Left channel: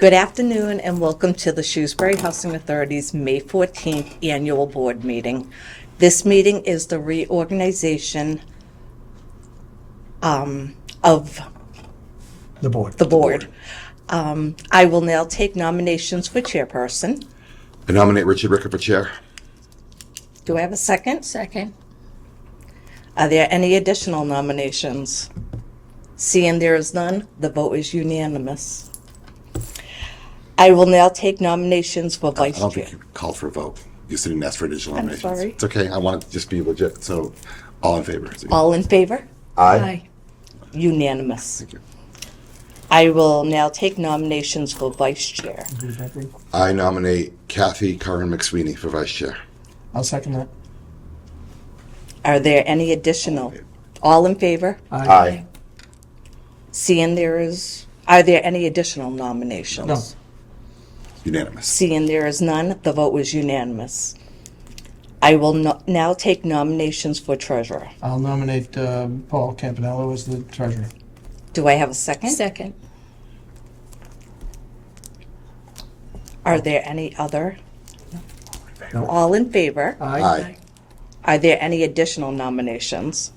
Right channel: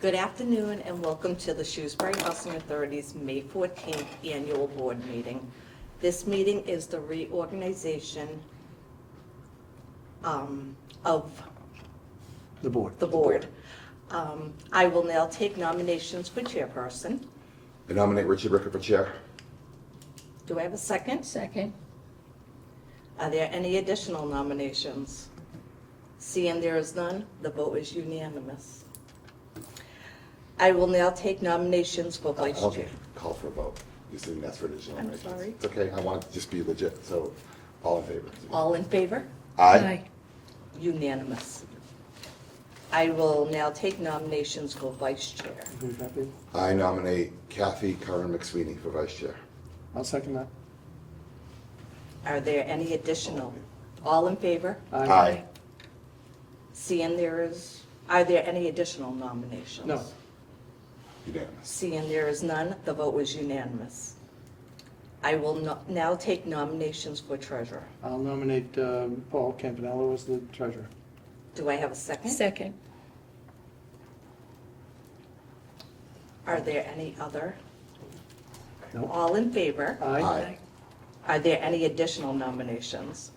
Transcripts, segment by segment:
Good afternoon and welcome to the Shrewsbury Housing Authority's May 14th Annual Board Meeting. This meeting is the reorganization of The board. the board. I will now take nominations for chairperson. I nominate Richard Ricker for chair. Do I have a second? Second. Are there any additional nominations? Seeing there is none, the vote is unanimous. I will now take nominations for I vice don't chair. think you called for a vote. You didn't ask for additional I'm nominations. sorry. It's okay. I want it to just be legit. So, all in favor? All in favor? Aye. Unanimous. Thank you. I will now take nominations for vice chair. Who's that be? I nominate Kathy Curran McSweeney for vice chair. I'll second that. Are there any additional? All in favor? Aye. Seeing are there any additional nominations? No. Unanimous. Seeing there is none, the vote was unanimous. I will now take nominations for treasurer. I'll nominate Paul Campanello as the treasurer. Do I have a second? Second. Are there any other? No. All in favor? Aye. Are there any additional nominations?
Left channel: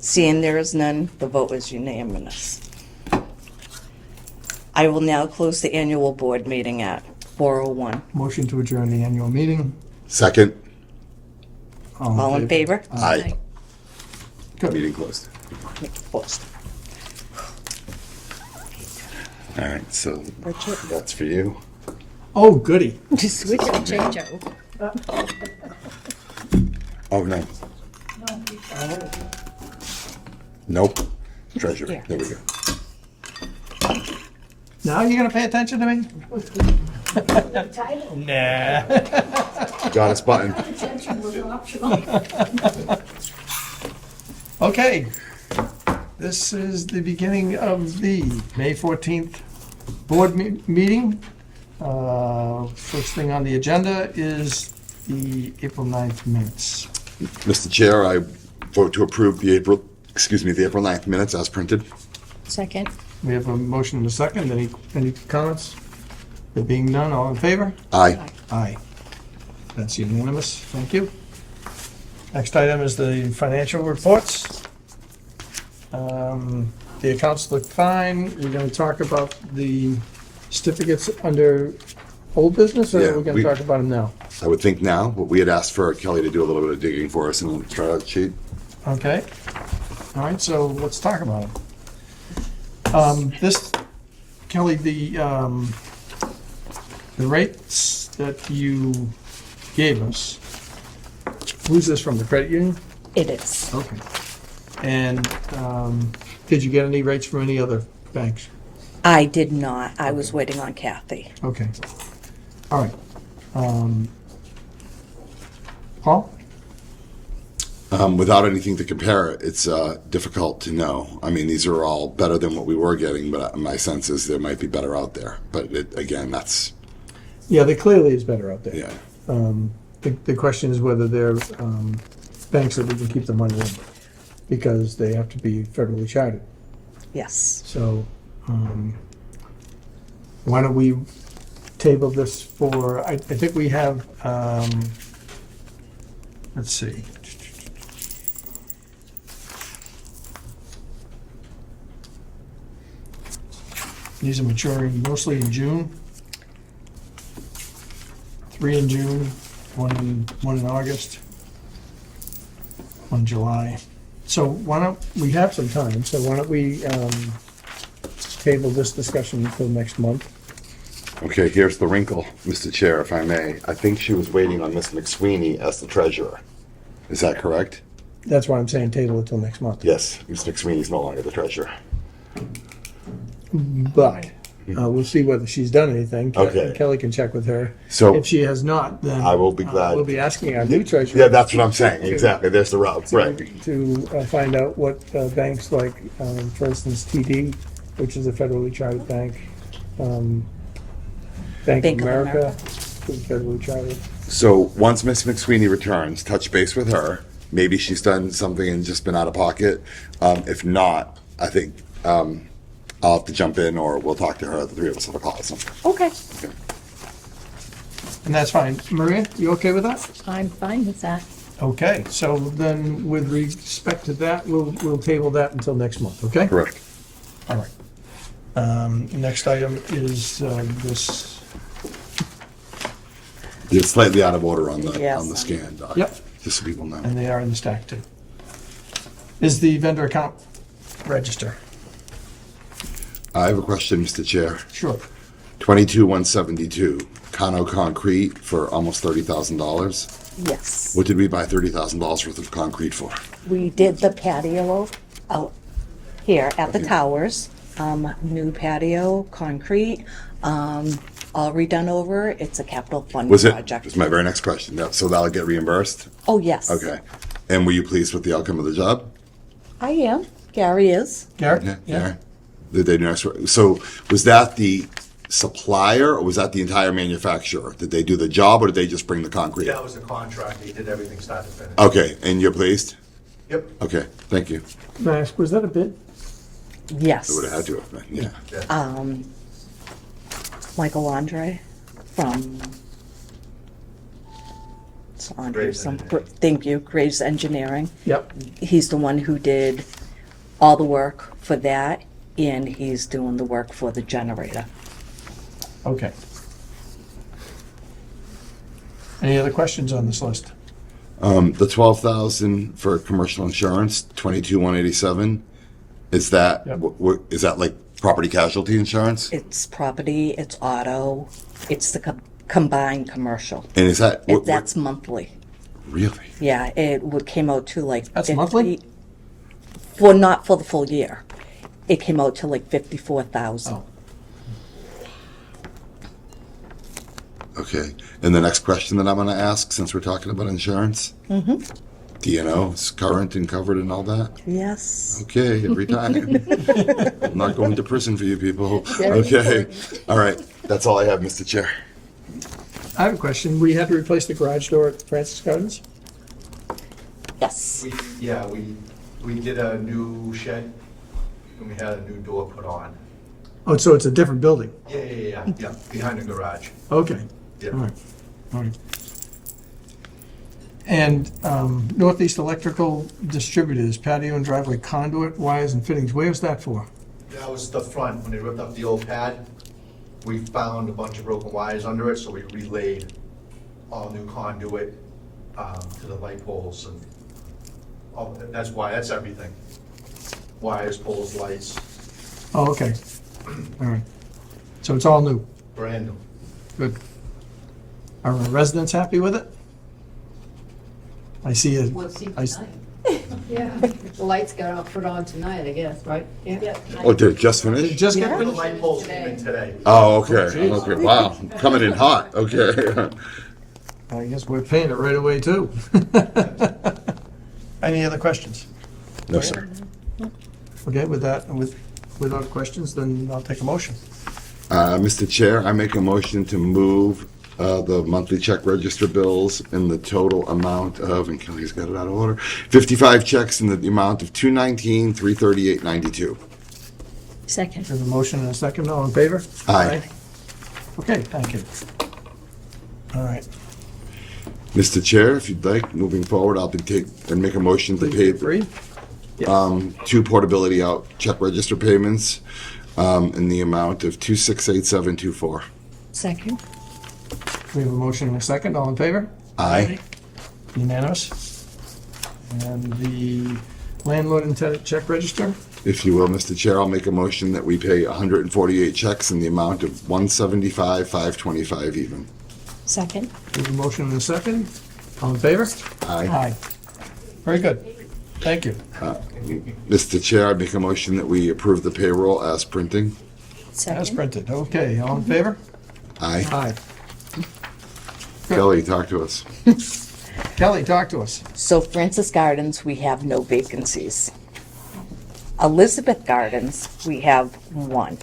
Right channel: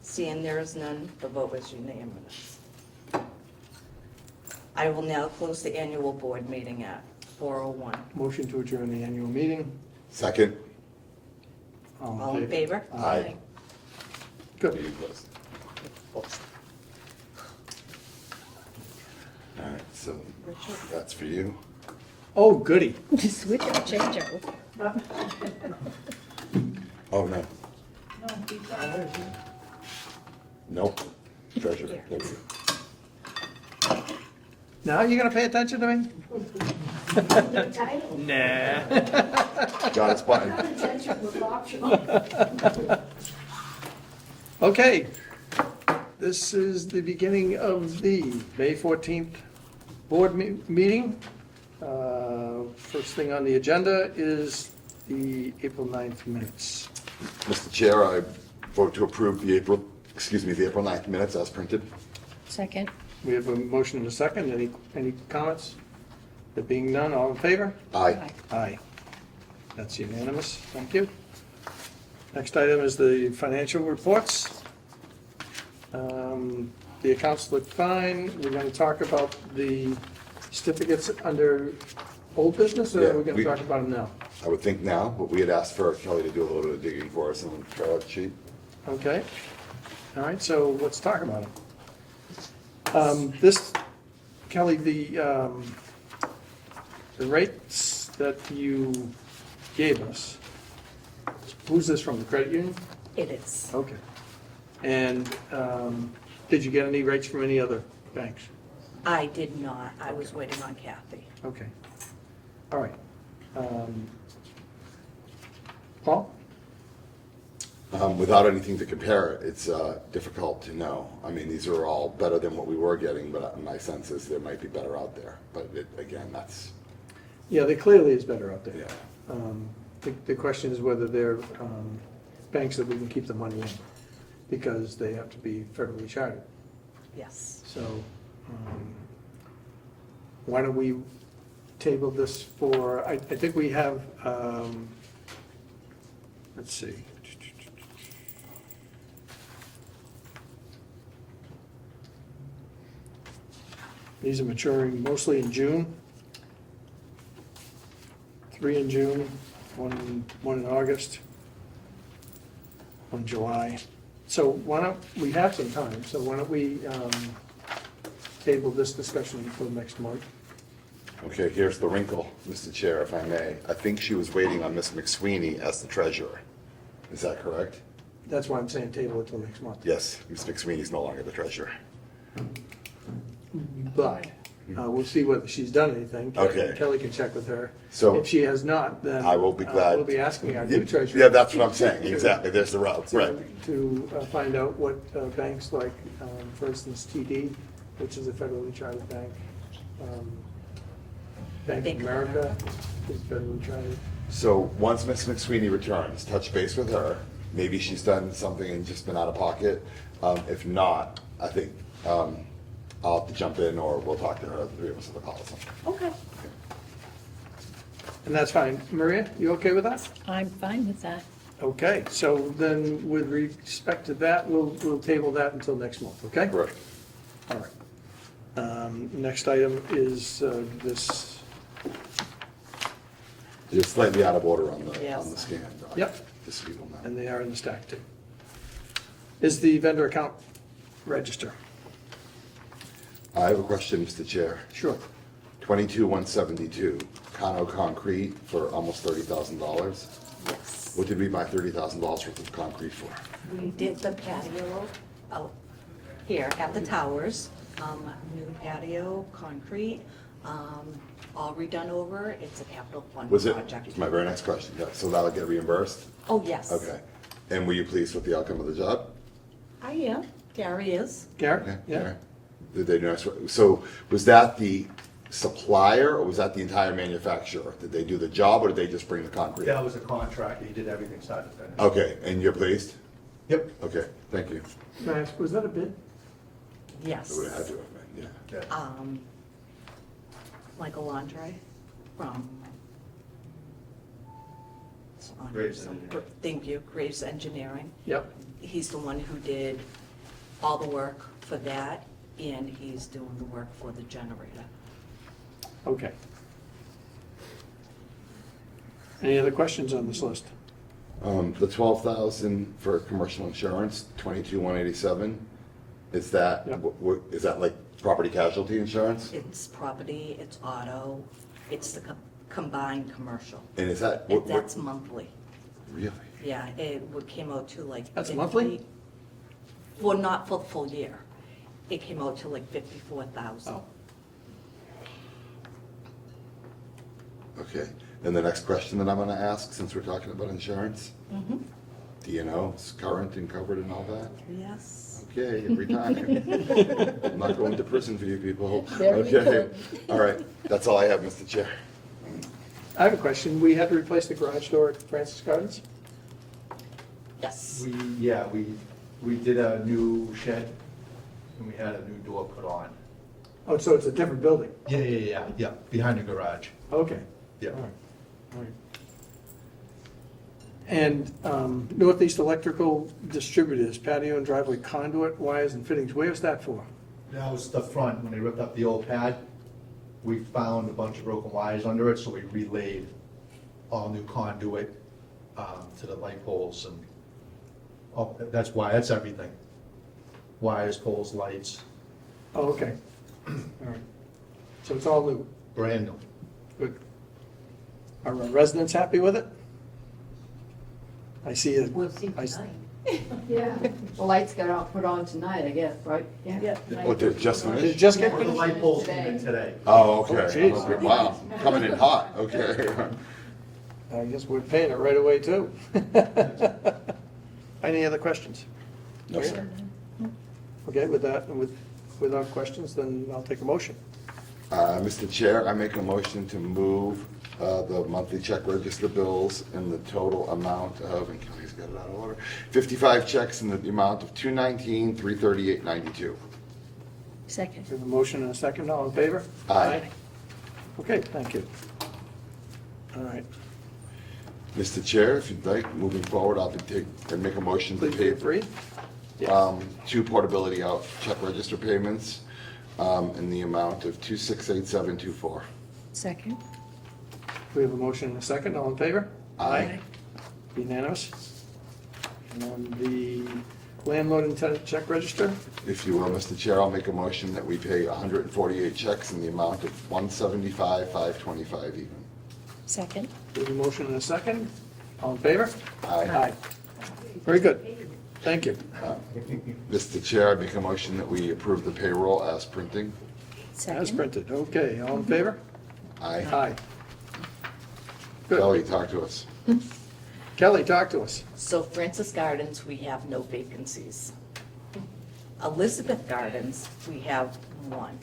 Seeing there is none, the vote is unanimous. I will now close the annual board meeting at 4:01. Motion to adjourn the annual meeting. Second. All in favor? Aye. Good. Meeting closed. Opposed. All right. So Richard? that's for you. Oh, goody. Just switch and change over. Oh no. Nope. Treasurer. Here. There we go. Now you're gonna pay attention to me? Nah. Got his button. Okay. This is the beginning of the May 14th board meeting. First thing on the agenda is the April 9th minutes. Mr. Chair, I vote to approve the April 9th minutes as printed. Second. We have a motion and a second. Any comments? There being none, all in favor? Aye. Aye. That's unanimous. Thank you. Next item is the financial reports. The accounts look fine. We're going to talk about the certificates under old business, or Yeah, are we going to we- talk about them now? I would think now, but we had asked for Kelly to do a little bit of digging for us and try out the sheet. Okay. All right, so let's talk about them. Kelly, the rates that you gave us, who's this from, the credit union? It is. Okay. And did you get any rates from any other banks? I did not. I was waiting on Kathy. Okay. All right. Paul? Without anything to compare it, it's difficult to know. I mean, these are all better than what we were getting, but my sense is there might be better out there. But again, that's, Yeah, there clearly is better out there. yeah. The question is whether they're banks that we can keep the money in, because they have to be federally chartered. Yes. So why don't we table this for, I think we have, let's see. These are maturing mostly in June. 3 in June, one in August, one in July. So why don't, we have some time, so why don't we table this discussion until next month? Okay, here's the wrinkle, Mr. Chair, if I may. I think she was waiting on Miss McSweeney as the treasurer. Is that correct? That's why I'm saying table it till next month. Yes, Miss McSweeney's no longer the treasurer. But we'll see whether she's done anything. Okay. Kelly can check with her. So- If she has not, then I will be glad. we'll be asking our new treasurer. Yeah, that's what I'm saying. Exactly. There's the route. Right. To find out what banks like, for instance, TD, which is a federally chartered bank, Bank of America, is federally chartered. So once Miss McSweeney returns, touch base with her. Maybe she's done something and just been out of pocket. If not, I think I'll have to jump in, or we'll talk to her, the three of us have a call or something. Okay. And that's fine. Maria, you okay with that? I'm fine with that. Okay, so then with respect to that, we'll table that until next month, okay? Correct. All right. Next item is this, It's slightly out of order on the Yes. scan, Doc. Yep. Just so people know. and they are in the stack too. Is the vendor account register? I have a question, Mr. Chair. Sure. 22,172, Cano Concrete for almost $30,000. Yes. What did we buy $30,000 worth of concrete for? We did the patio out here at the towers. New patio, concrete, all redone over. It's a capital fund Was it? project. Was my very next question. Yep, so that'll get reimbursed? Oh, yes. Okay. And were you pleased with the outcome of the job? I am. Gary is. Garrett? Yeah. Did they do nice work? So was that the supplier, or was that the entire manufacturer? Did they do the job, or did they just bring the concrete? That was the contract, he did everything start to finish. Okay, and you're pleased? Yep. Okay, thank you. May I ask, was that a bid? Yes. It would have had to have been, yeah. Yeah. Michael Andre from. It's Andre Graves some. Engineering. Thank you, Graves Engineering. Yep. He's the one who did all the work for that, and he's doing the work for the generator. Okay. Any other questions on this list? The 12,000 for commercial insurance, 22,187, is that, Yep. is that like property casualty insurance? It's property, it's auto, it's the combined commercial. And is that, That's monthly. really? Yeah, came out to like. That's 50 monthly? For, not for the full year. It came out to like 54,000. Oh, Okay, and the next question that I'm gonna ask, since we're talking about insurance? Mm-hmm. Do you know, it's current and covered and all that? Yes. Okay, every time. I'm not going to prison for you people. Very Okay, important. all right, that's all I have, Mr. Chair. I have a question. We had to replace the garage door at Francis Gardens? Yes. We did a new shed, and we had a new door put on. Oh, so it's a different building? Yeah, behind the garage. Okay. Yeah. All right, all right. And Northeast Electrical Distributors, patio and driveway conduit, wires and fittings, where was that for? That was the front, when they ripped up the old pad, we found a bunch of broken wires under it, so we relayed all new conduit to the light poles and, that's why, that's everything. Wires, poles, lights, Oh, okay. All right. So it's all new. brand new. Good. Are our residents happy with it? I see it. We'll see I s- tonight. Yeah, the lights got put on tonight, I guess, right? Yeah. Oh, did it just Did it finish? just The get finished? light poles came in today. Oh, okay, okay, wow, coming in hot, okay. I guess we're paying it right away too. Any other questions? No, sir. Okay, with that, without questions, then I'll take a motion. Mr. Chair, I make a motion to move the monthly check register bills in the total amount of, and Kelly's got it out of order, 55 checks in the amount of $219,338.92. Second. We have a motion and a second, all in favor? Aye. Okay, thank you. All right. Mr. Chair, if you'd like, moving forward, I'll make a motion to pay Three? two portability out check register payments in the amount of 268724. Second. We have a motion and a second, all in favor? Aye. Unanimous. And the landlord and tenant check register? If you will, Mr. Chair, I'll make a motion that we pay 148 checks in the amount of $175,525 even. Second. We have a motion and a second, all in favor? Aye. Very good, thank you. Mr. Chair, I make a motion that we approve the payroll as printing. As Second. printed, okay, all in favor? Aye. Aye. Kelly, talk to us. Kelly, talk to us. So Francis Gardens, we have no vacancies. Elizabeth Gardens, we have one.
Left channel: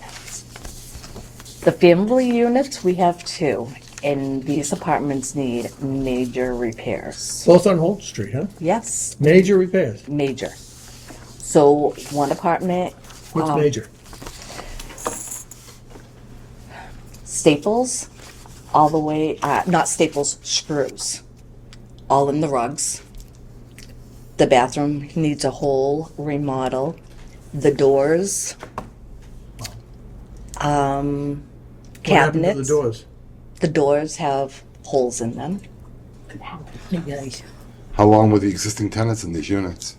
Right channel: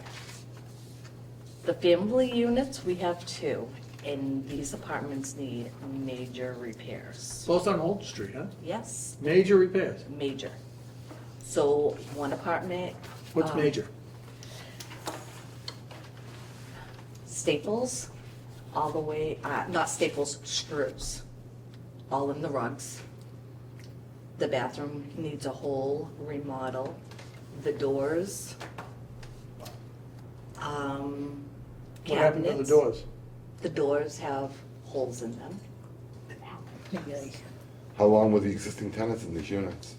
The family units, we have two, and these apartments need major repairs. Both on Holt Street, huh? Yes, Major repairs. major. So one apartment. What's major? staples, all the way, not staples, screws, all in the rugs. The bathroom needs a whole remodel. The doors, What happened to cabinets. the doors? The doors have holes in them. You guys. How long were the existing tenants in these units?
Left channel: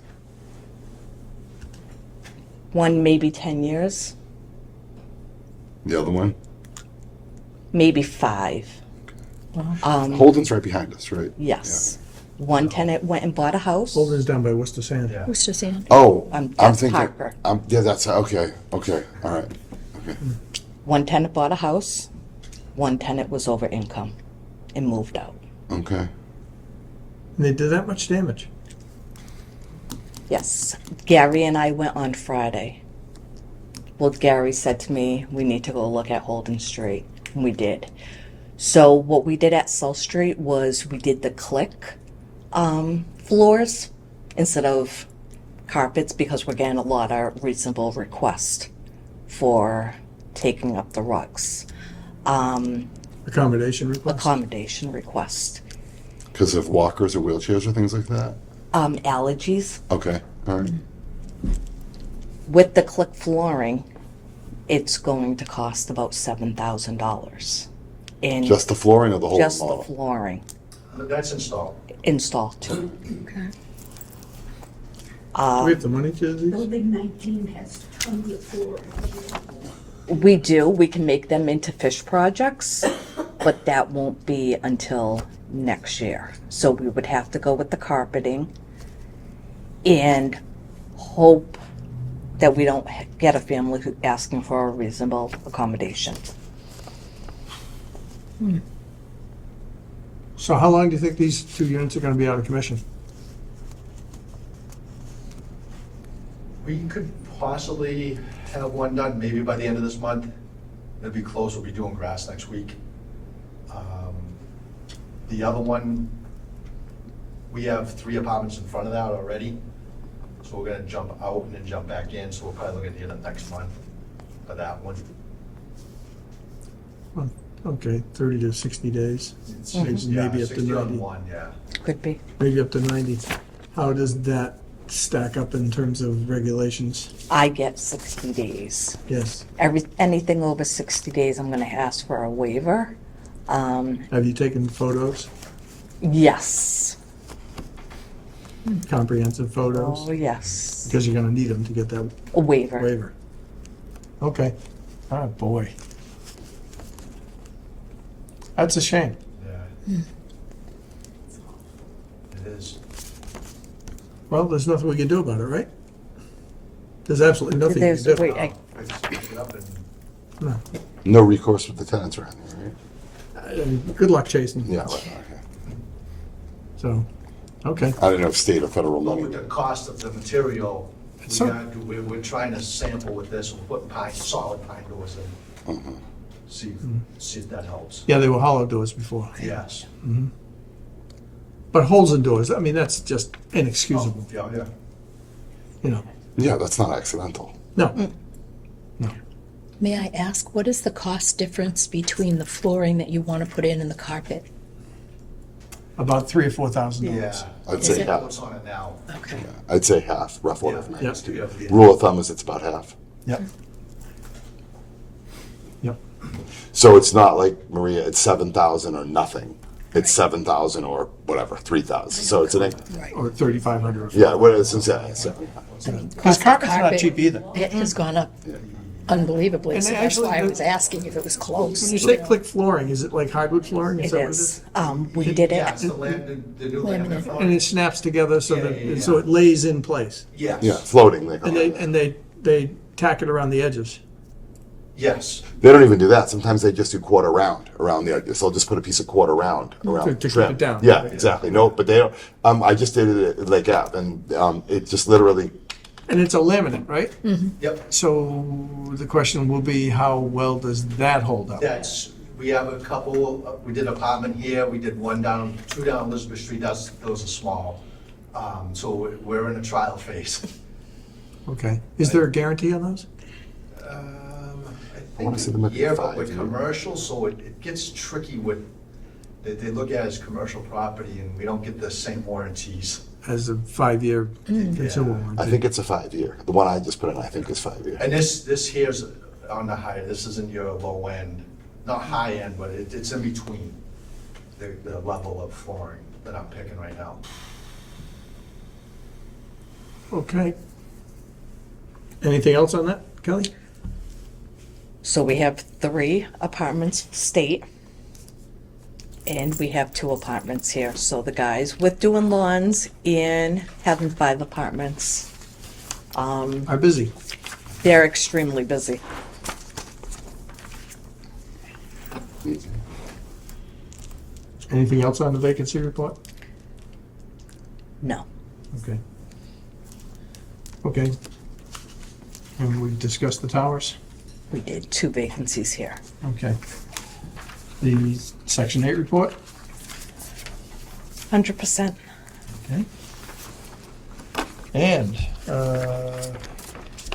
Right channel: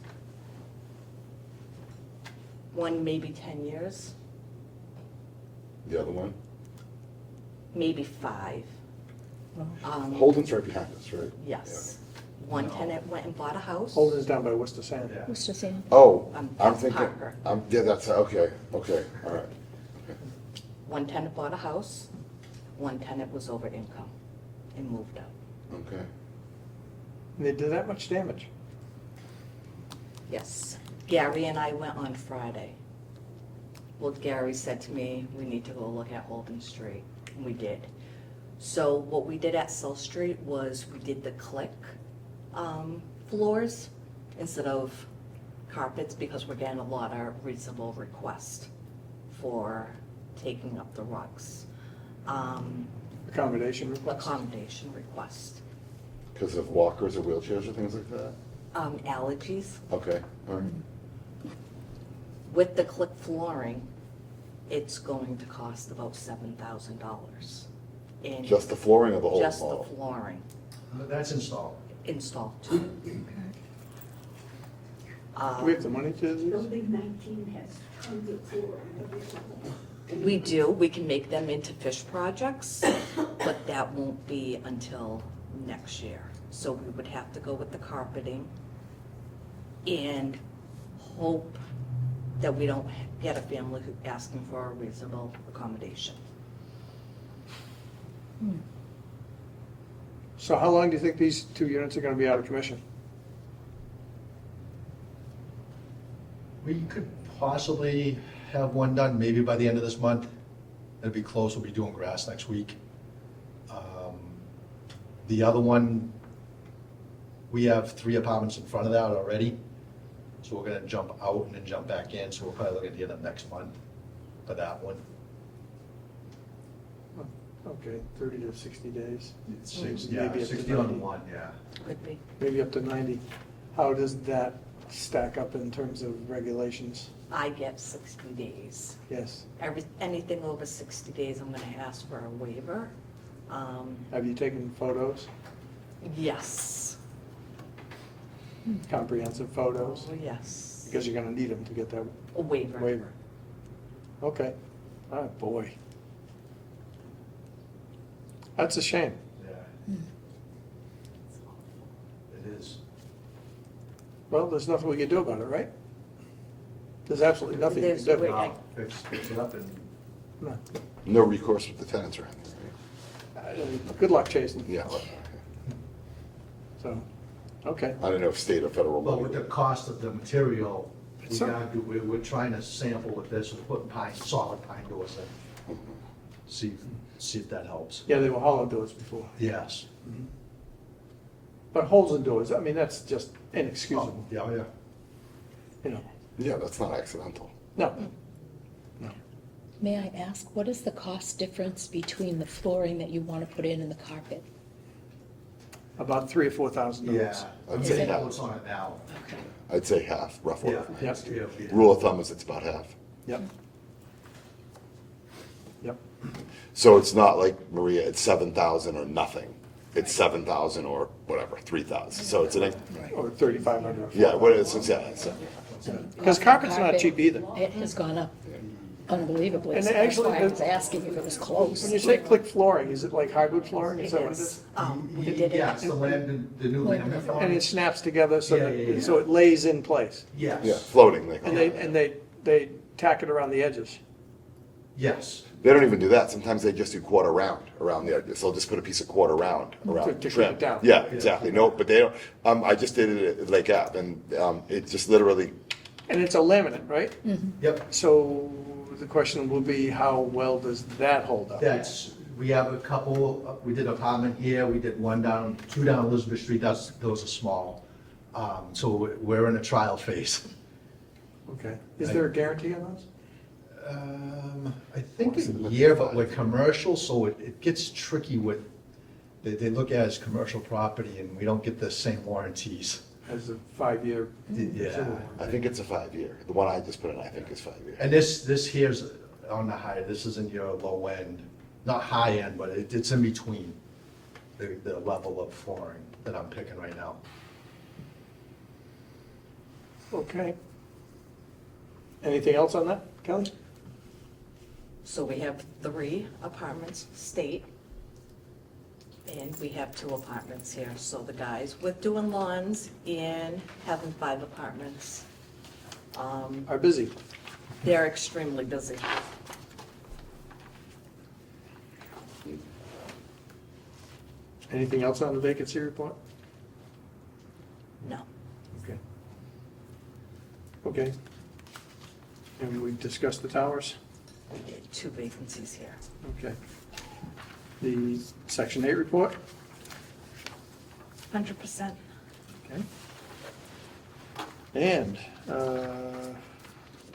One, maybe 10 years, The other one? maybe 5. Holden's right behind us, right? Yes. One tenant went and bought a house. Holden's down by Worcester Sand. Yeah. Who's just saying? Oh, I'm That's thinking, Parker. yeah, that's, okay, all right. Okay. One tenant bought a house. One tenant was over income and moved out. Okay. And they did that much damage? Yes. Gary and I went on Friday. Well, Gary said to me, we need to go look at Holden Street. And we did. So what we did at South Street was we did the click floors instead of carpets because we're getting a lot of reasonable requests for taking up the rugs. Accommodation request? Accommodation request. Because of walkers or wheelchairs or things like that? Allergies. Okay, all right. With the click flooring, it's going to cost about $7,000. And Just the flooring or the whole just the model? flooring That's installed. installed too. Okay. Do we have the money to do these? Building 19 has 24. We do, we can make them into fish projects, but that won't be until next year. So we would have to go with the carpeting and hope that we don't get a family who asking for a reasonable accommodation. So how long do you think these 2 units are gonna be out of commission? We could possibly have one done maybe by the end of this month. It'll be close, we'll be doing grass next week. The other one, we have 3 apartments in front of that already. So we're gonna jump out and then jump back in, so we'll probably look at the end of next month for that one. Well, okay, 30 to 60 days, It's Maybe- yeah, maybe up to 60 on 90. one, yeah. Could be. maybe up to 90. How does that stack up in terms of regulations? I get 60 days. Yes. Anything over 60 days, I'm gonna ask for a waiver. Have you taken photos, Yes. comprehensive photos? Oh, yes. Because you're gonna need them to get that A waiver. waiver. Okay. Ah, boy. That's a shame. Yeah. It is. Well, there's nothing we can do about it, right? There's absolutely nothing you There's- can do. wait, Fix it up and No. No recourse with the tenants or anything, right? I mean, good luck chasing. Yeah, right, okay. So, okay. I don't know if state or federal Well, with money. the cost of the material, So- we're trying to sample with this, we're putting solid pine doors in. See if that helps. Yeah, they were hollow doors before. Yes. But holes in doors, I mean, that's just inexcusable, Yeah, yeah. you know? Yeah, that's not accidental. No. No. May I ask, what is the cost difference between the flooring that you want to put in and the carpet? About $3,000 or $4,000. Yeah. I'd Is say it? half. What's on it now? Okay. I'd say half, rough order of Yeah. magnitude. Yeah. Rule of thumb is it's about half. Yep. Yep. So it's not like, Maria, it's 7,000 or nothing. It's 7,000 or whatever, 3,000. So it's an, Right. Or 3,500. yeah, what is it? So- Because carpet's not Carpet, cheap either. It has gone up unbelievably, And so that's actually why I the- was asking if it was close. When you say click flooring, is it like hardwood flooring? It that what is. We did Yeah, it. it's the the new laminate flooring. And it snaps together so Yeah, that, yeah, yeah. so it lays in place. Yes. Yeah, floating, they call And it. they tack it around the edges. Yes. They don't even do that. Sometimes they just do quarter round around the edges. They'll just put a piece of quarter round around To the keep trim. it down. Yeah, exactly. No, but they don't. I just did it at Lake Ave, and it just literally. And it's a laminate, right? Yep. So the question will be, how well does that hold up? We have a couple, we did an apartment here, we did two down Elizabeth Street, those are small. So we're in a trial phase. Okay. Is there a guarantee on those? I wanna see them think at a year, but 5 with year. commercial, so it gets tricky with, they look at it as commercial property and we don't get the same warranties. As a 5-year consumer Yeah. warranty. I think it's a 5 year. The one I just put in, I think is 5 year. And this here's on the high, this isn't your low end, not high end, but it's in between the level of flooring that I'm picking right now. Okay. Anything else on that, Kelly? So we have 3 apartments state, and we have 2 apartments here. So the guys with doing lawns and having 5 apartments, Are busy. they're extremely busy. Anything else on the vacancy report? No. Okay. Okay. And we discussed the towers? We did 2 vacancies here. Okay. The Section 8 report? 100%. Okay. And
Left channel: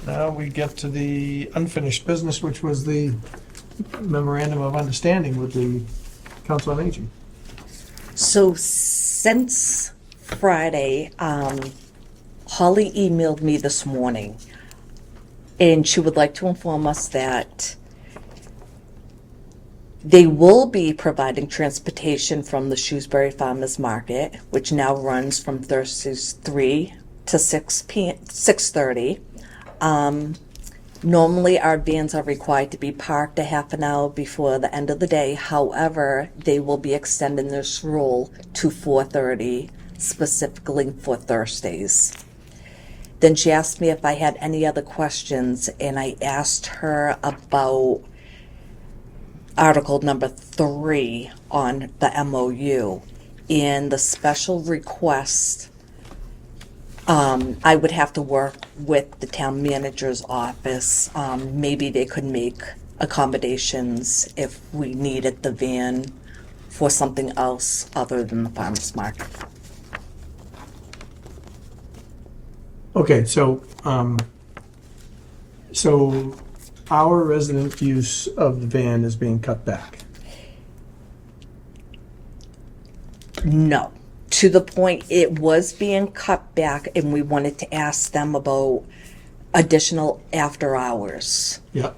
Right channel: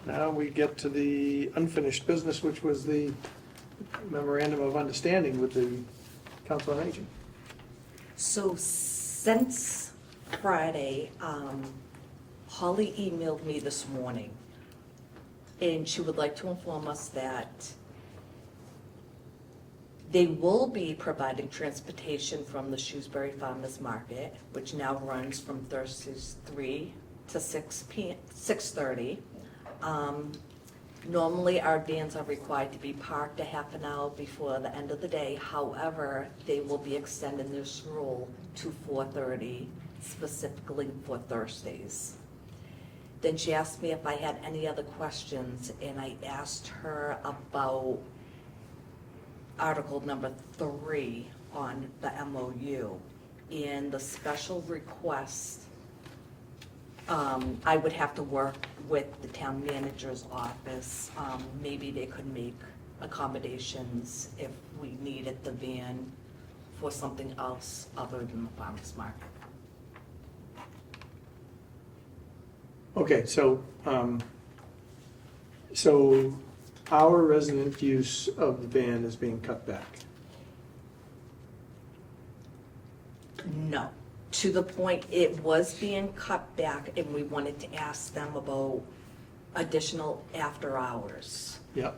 now we get to the unfinished business, which was the memorandum of understanding with the Council on Aging. So since Friday, Holly emailed me this morning, and she would like to inform us that they will be providing transportation from the Shrewsbury Farmers Market, which now runs from Thursdays 3 to 6:30. Normally, our vans are required to be parked a half an hour before the end of the day. However, they will be extending this rule to 4:30, specifically for Thursdays. Then she asked me if I had any other questions, and I asked her about Article number 3 on the MOU. In the special request, I would have to work with the town manager's office. Maybe they could make accommodations if we needed the van for something else other than the farmer's market. Okay, so our resident use of the van is being cut back. No, to the point it was being cut back, and we wanted to ask them about additional after hours. Yeah.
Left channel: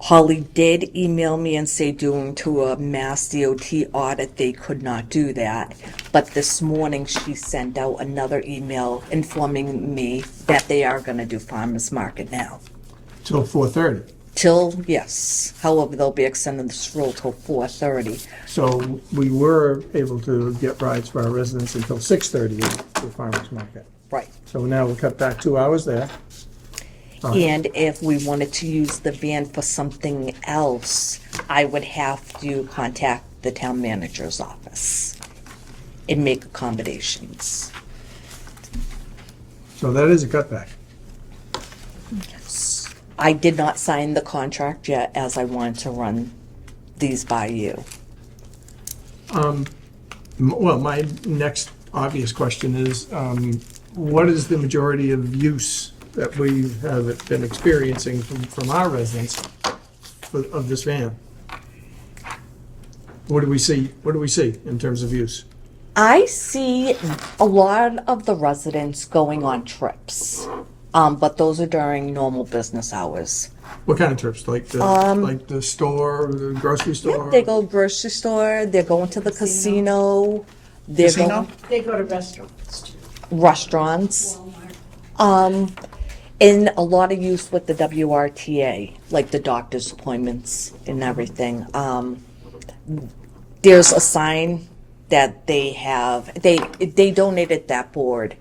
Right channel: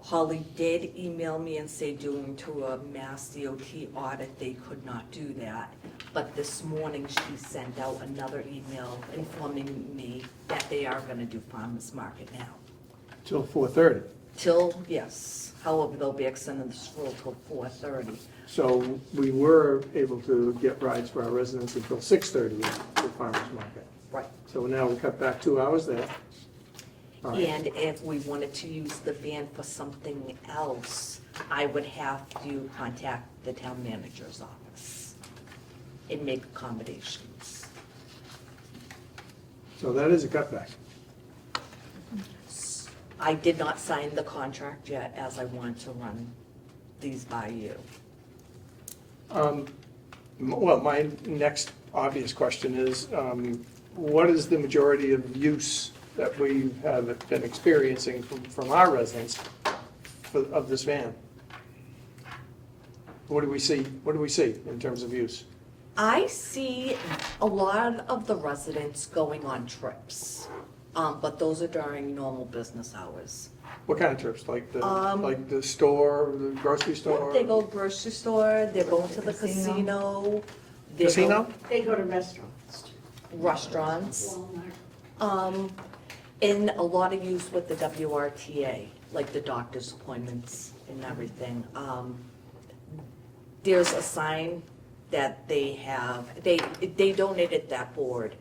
Holly did email me and say due to a Mass DOT audit, they could not do that. But this morning, she sent out another email informing me that they are gonna do farmer's market now. Till 4:30. Till, yes, however, they'll be extending this rule till 4:30. So we were able to get rides for our residents until 6:30 at the farmer's market. Right. So now we cut back 2 hours there. And if we wanted to use the van for something else, I would have to contact the town manager's office and make accommodations. So that is a cutback. I did not sign the contract yet, as I wanted to run these by you. Well, my next obvious question is, what is the majority of use that we have been experiencing from our residents of this van? What do we see? What do we see in terms of use? I see a lot of the residents going on trips, but those are during normal business hours. What kind of trips? Like the store, the grocery store? They go grocery store, they're going to the casino, they're Casino? going They go to restaurants too. restaurants. Walmart. And a lot of use with the WRTA, like the doctor's appointments and everything. There's a sign that they have, they donated that board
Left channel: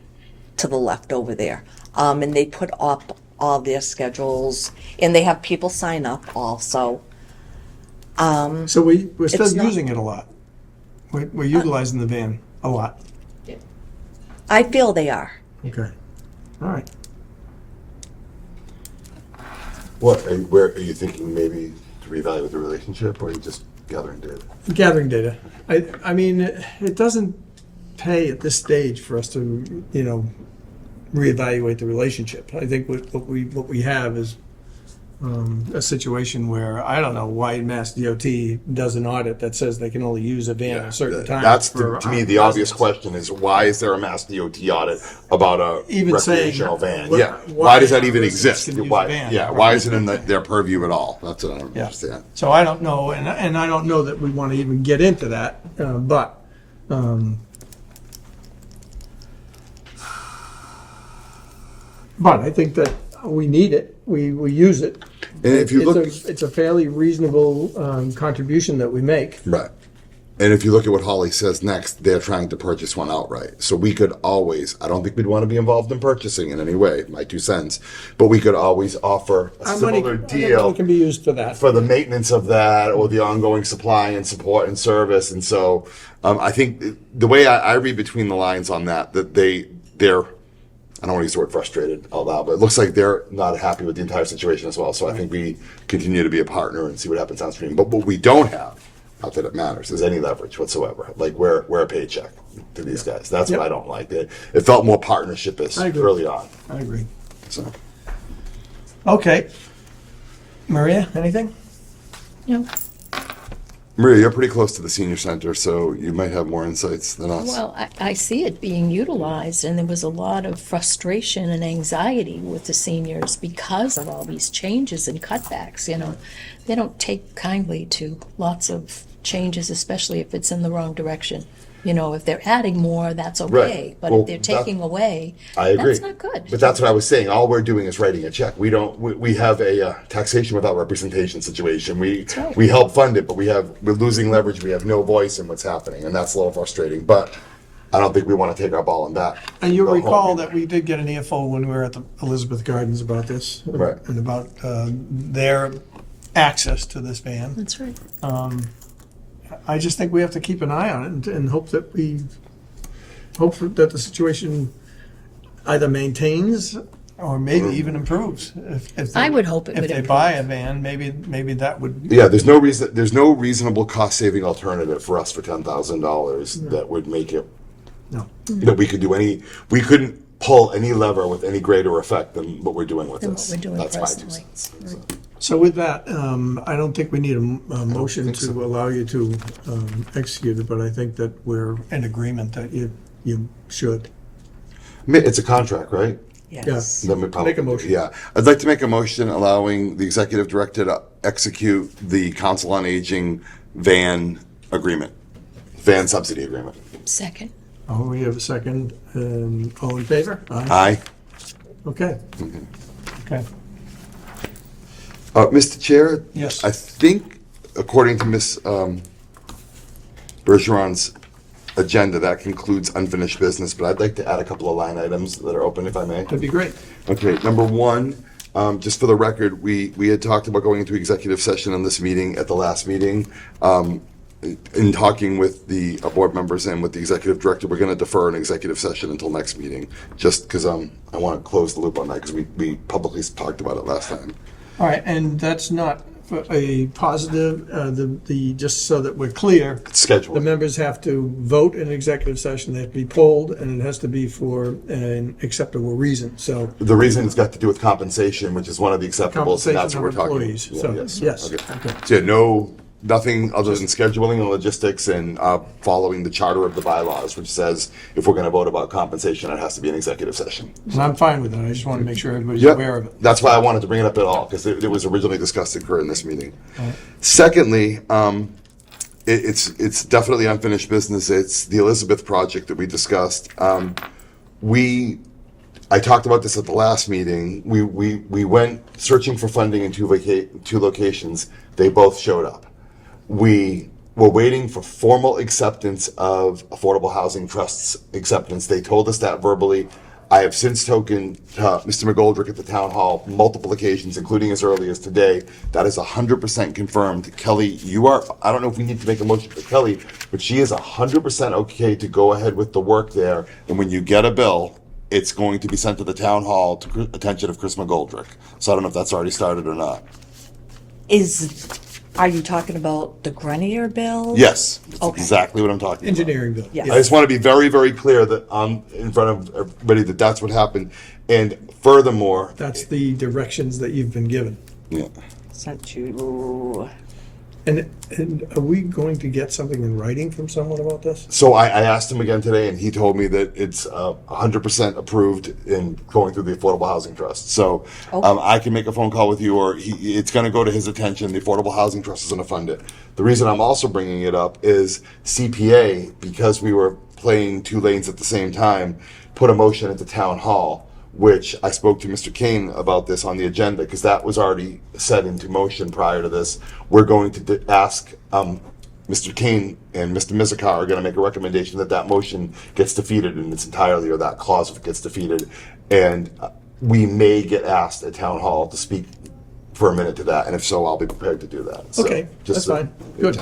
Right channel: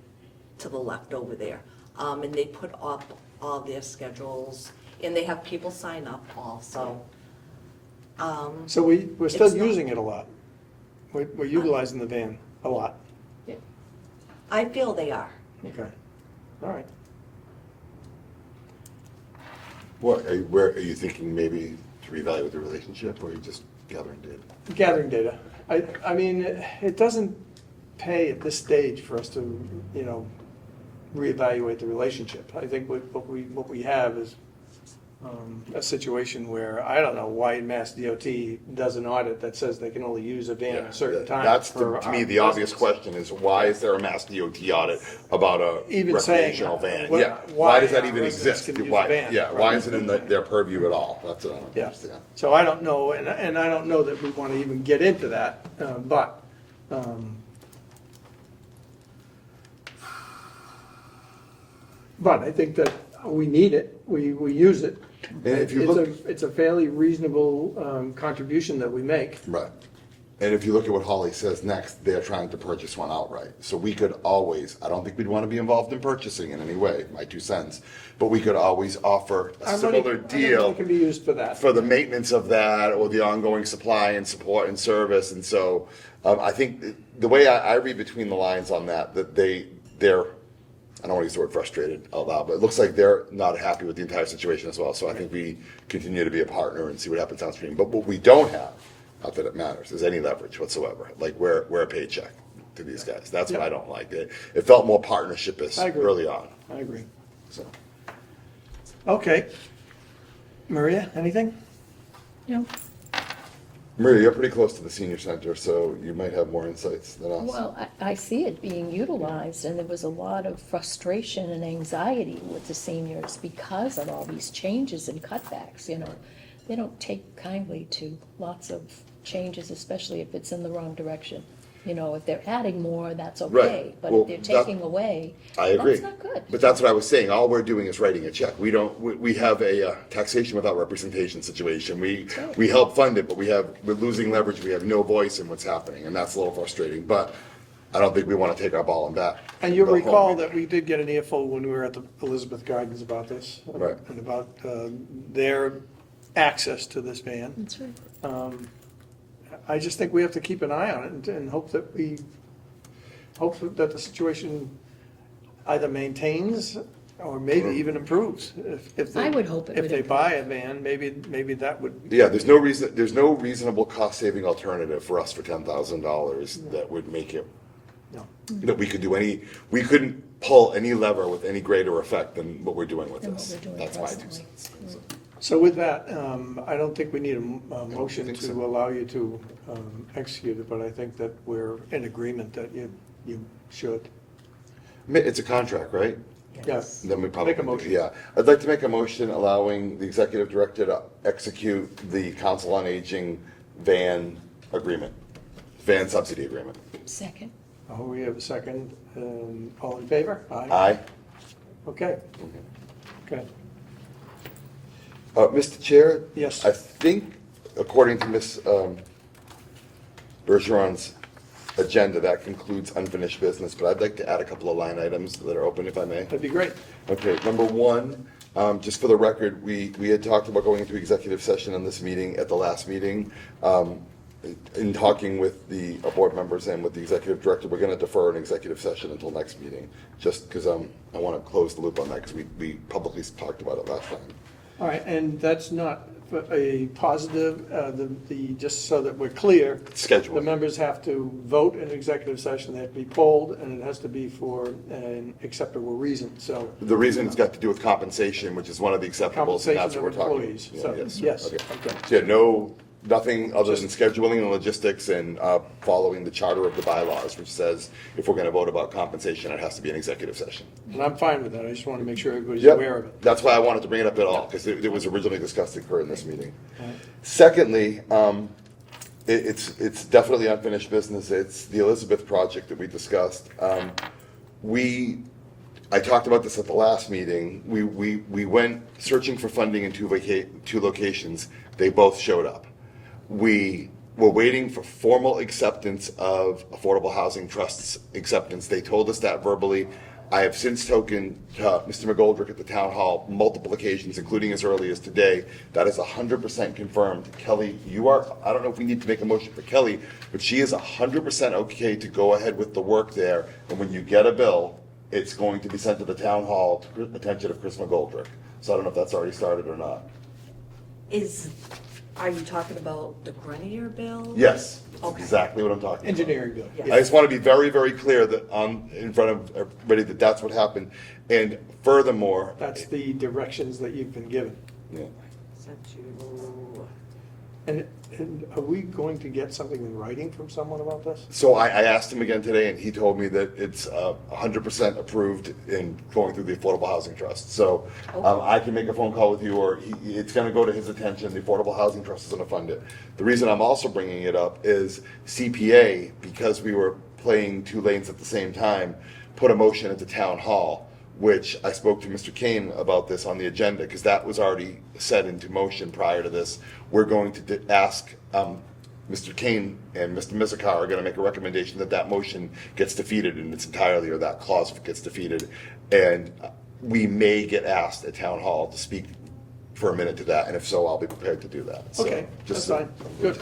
to the left over there. And they put up all their schedules, and they have people sign up also. So we're still It's not- using it a lot. We're utilizing the van a lot. I feel they are. Okay. All right. Where are you thinking maybe to reevaluate the relationship, or are you just gathering data? Gathering data. I mean, it doesn't pay at this stage for us to, reevaluate the relationship. I think what we have is a situation where, I don't know why Mass DOT does an audit that says they can only use a van a certain time. That's, for to me, the our obvious residents. question is, why is there a Mass DOT audit about a Even saying, recreational van? why- Yeah, why why does that our even residents exist? can use a Why, van. yeah, why is it in their purview at all? That's what I don't Yeah. understand. So I don't know, and I don't know that we want to even get into that, but I think that we need it, we use it. And if you look, It's a fairly reasonable contribution that we make. right. And if you look at what Holly says next, they're trying to purchase one outright. So we could always, I don't think we'd want to be involved in purchasing in any way, my 2 cents, but we could always offer a Our money- similar our money deal can be used for that. for the maintenance of that or the ongoing supply and support and service. And so I think the way I read between the lines on that they're, I don't want to use the word frustrated out loud, but it looks like they're not happy with the entire situation as well. So I think we continue to be a partner and see what happens downstream. But what we don't have, not that it matters, is any leverage whatsoever. Like we're a paycheck to these guys. That's Yep. what I don't like. It felt more partnership-ish I agree. early on. I agree. So Okay. Maria, anything? No. Maria, you're pretty close to the senior center, so you might have more insights than us. Well, I see it being utilized, and there was a lot of frustration and anxiety with the seniors because of all these changes and cutbacks, you know. They don't take kindly to lots of changes, especially if it's in the wrong direction. You know, if they're adding more, that's okay, Right. but Well, if they're taking away, I agree. that's not good. But that's what I was saying. All we're doing is writing a check. We have a taxation without representation situation. right. We help fund it, but we're losing leverage. We have no voice in what's happening, and that's a little frustrating. But I don't think we want to take our ball and bat. And you'll Go home. recall that we did get an earful when we were at the Elizabeth Gardens about this. Right. And about their access to this van. That's right. I just think we have to keep an eye on it and hope that the situation either maintains or maybe even improves. If they- I would hope it If would they buy a van, maybe that would, Yeah, there's no reasonable cost-saving alternative for us for $10,000 that would make it, no. that we couldn't pull any lever with any greater effect than what we're doing with Than what this. we're doing That's my 2 presently. cents. So with that, I don't think we need a motion think to so. allow you to execute it, but I think that we're in agreement that you should. It's a contract, right? Yes. Let me probably Make a motion. Yeah, I'd like to make a motion allowing the executive director to execute the council on aging van subsidy agreement. Second. Oh, we have a second, and all in favor? Aye. Okay. Okay. Mr. Chair? Yes. I think, according to Ms. Bergeron's agenda, that concludes unfinished business, but I'd like to add a couple of line items that are open, if I may. That'd be great. Okay, number one, just for the record, we had talked about going into executive session in this meeting at the last meeting. In talking with the board members and with the executive director, we're going to defer an executive session until next meeting, just because I want to close the loop on that, because we publicly talked about it last time. All right, and that's not a positive, just so that we're clear, It's scheduled. the members have to vote in executive session, they have to be polled, and it has to be for an acceptable reason, so. The reason it's got to do with compensation, which is one of the acceptables, and that's Compensation what of we're talking about. employees, so, yes, okay. So yeah, nothing other than scheduling and logistics and following the charter of the bylaws, which says if we're going to vote about compensation, it has to be an executive session. And I'm fine with that, I just want to make sure everybody's aware of Yep, it. that's why I wanted to bring it up at all, because it was originally discussed to occur in this meeting. Secondly, it's definitely unfinished business. It's the Elizabeth project that we discussed. I talked about this at the last meeting. We went searching for funding in two locations. They both showed up. We were waiting for formal acceptance of Affordable Housing Trust's acceptance. They told us that verbally. I have since spoken to Mr. McGoldrick at the town hall multiple occasions, including as early as today. That is 100% confirmed. Kelly, I don't know if we need to make a motion for Kelly, but she is 100% okay to go ahead with the work there. And when you get a bill, it's going to be sent to the town hall to attention of Chris McGoldrick. So I don't know if that's already started or not. Are you talking about the Grenier bill? Yes, that's Okay. exactly what I'm talking about. Engineering bill. Yeah. I just want to be very, very clear that in front of everybody that that's what happened. And furthermore, That's the directions that you've been given. Yeah. Sent to, And are we going to get something in writing from someone about this? So I asked him again today, and he told me that it's 100% approved in going through the Affordable Housing Trust. So I can make a phone call with you, or it's going to go to his attention. The Affordable Housing Trust is going to fund it. The reason I'm also bringing it up is CPA, because we were playing two lanes at the same time, put a motion into Town Hall, which I spoke to Mr. Kane about this on the agenda, because that was already set into motion prior to this. We're going to ask Mr. Kane and Mr. Mizikar are going to make a recommendation that that motion gets defeated in its entirety, or that clause gets defeated. And we may get asked at Town Hall to speak for a minute to that, and if so, I'll be prepared to do that. So, Okay, that's so- fine. Good.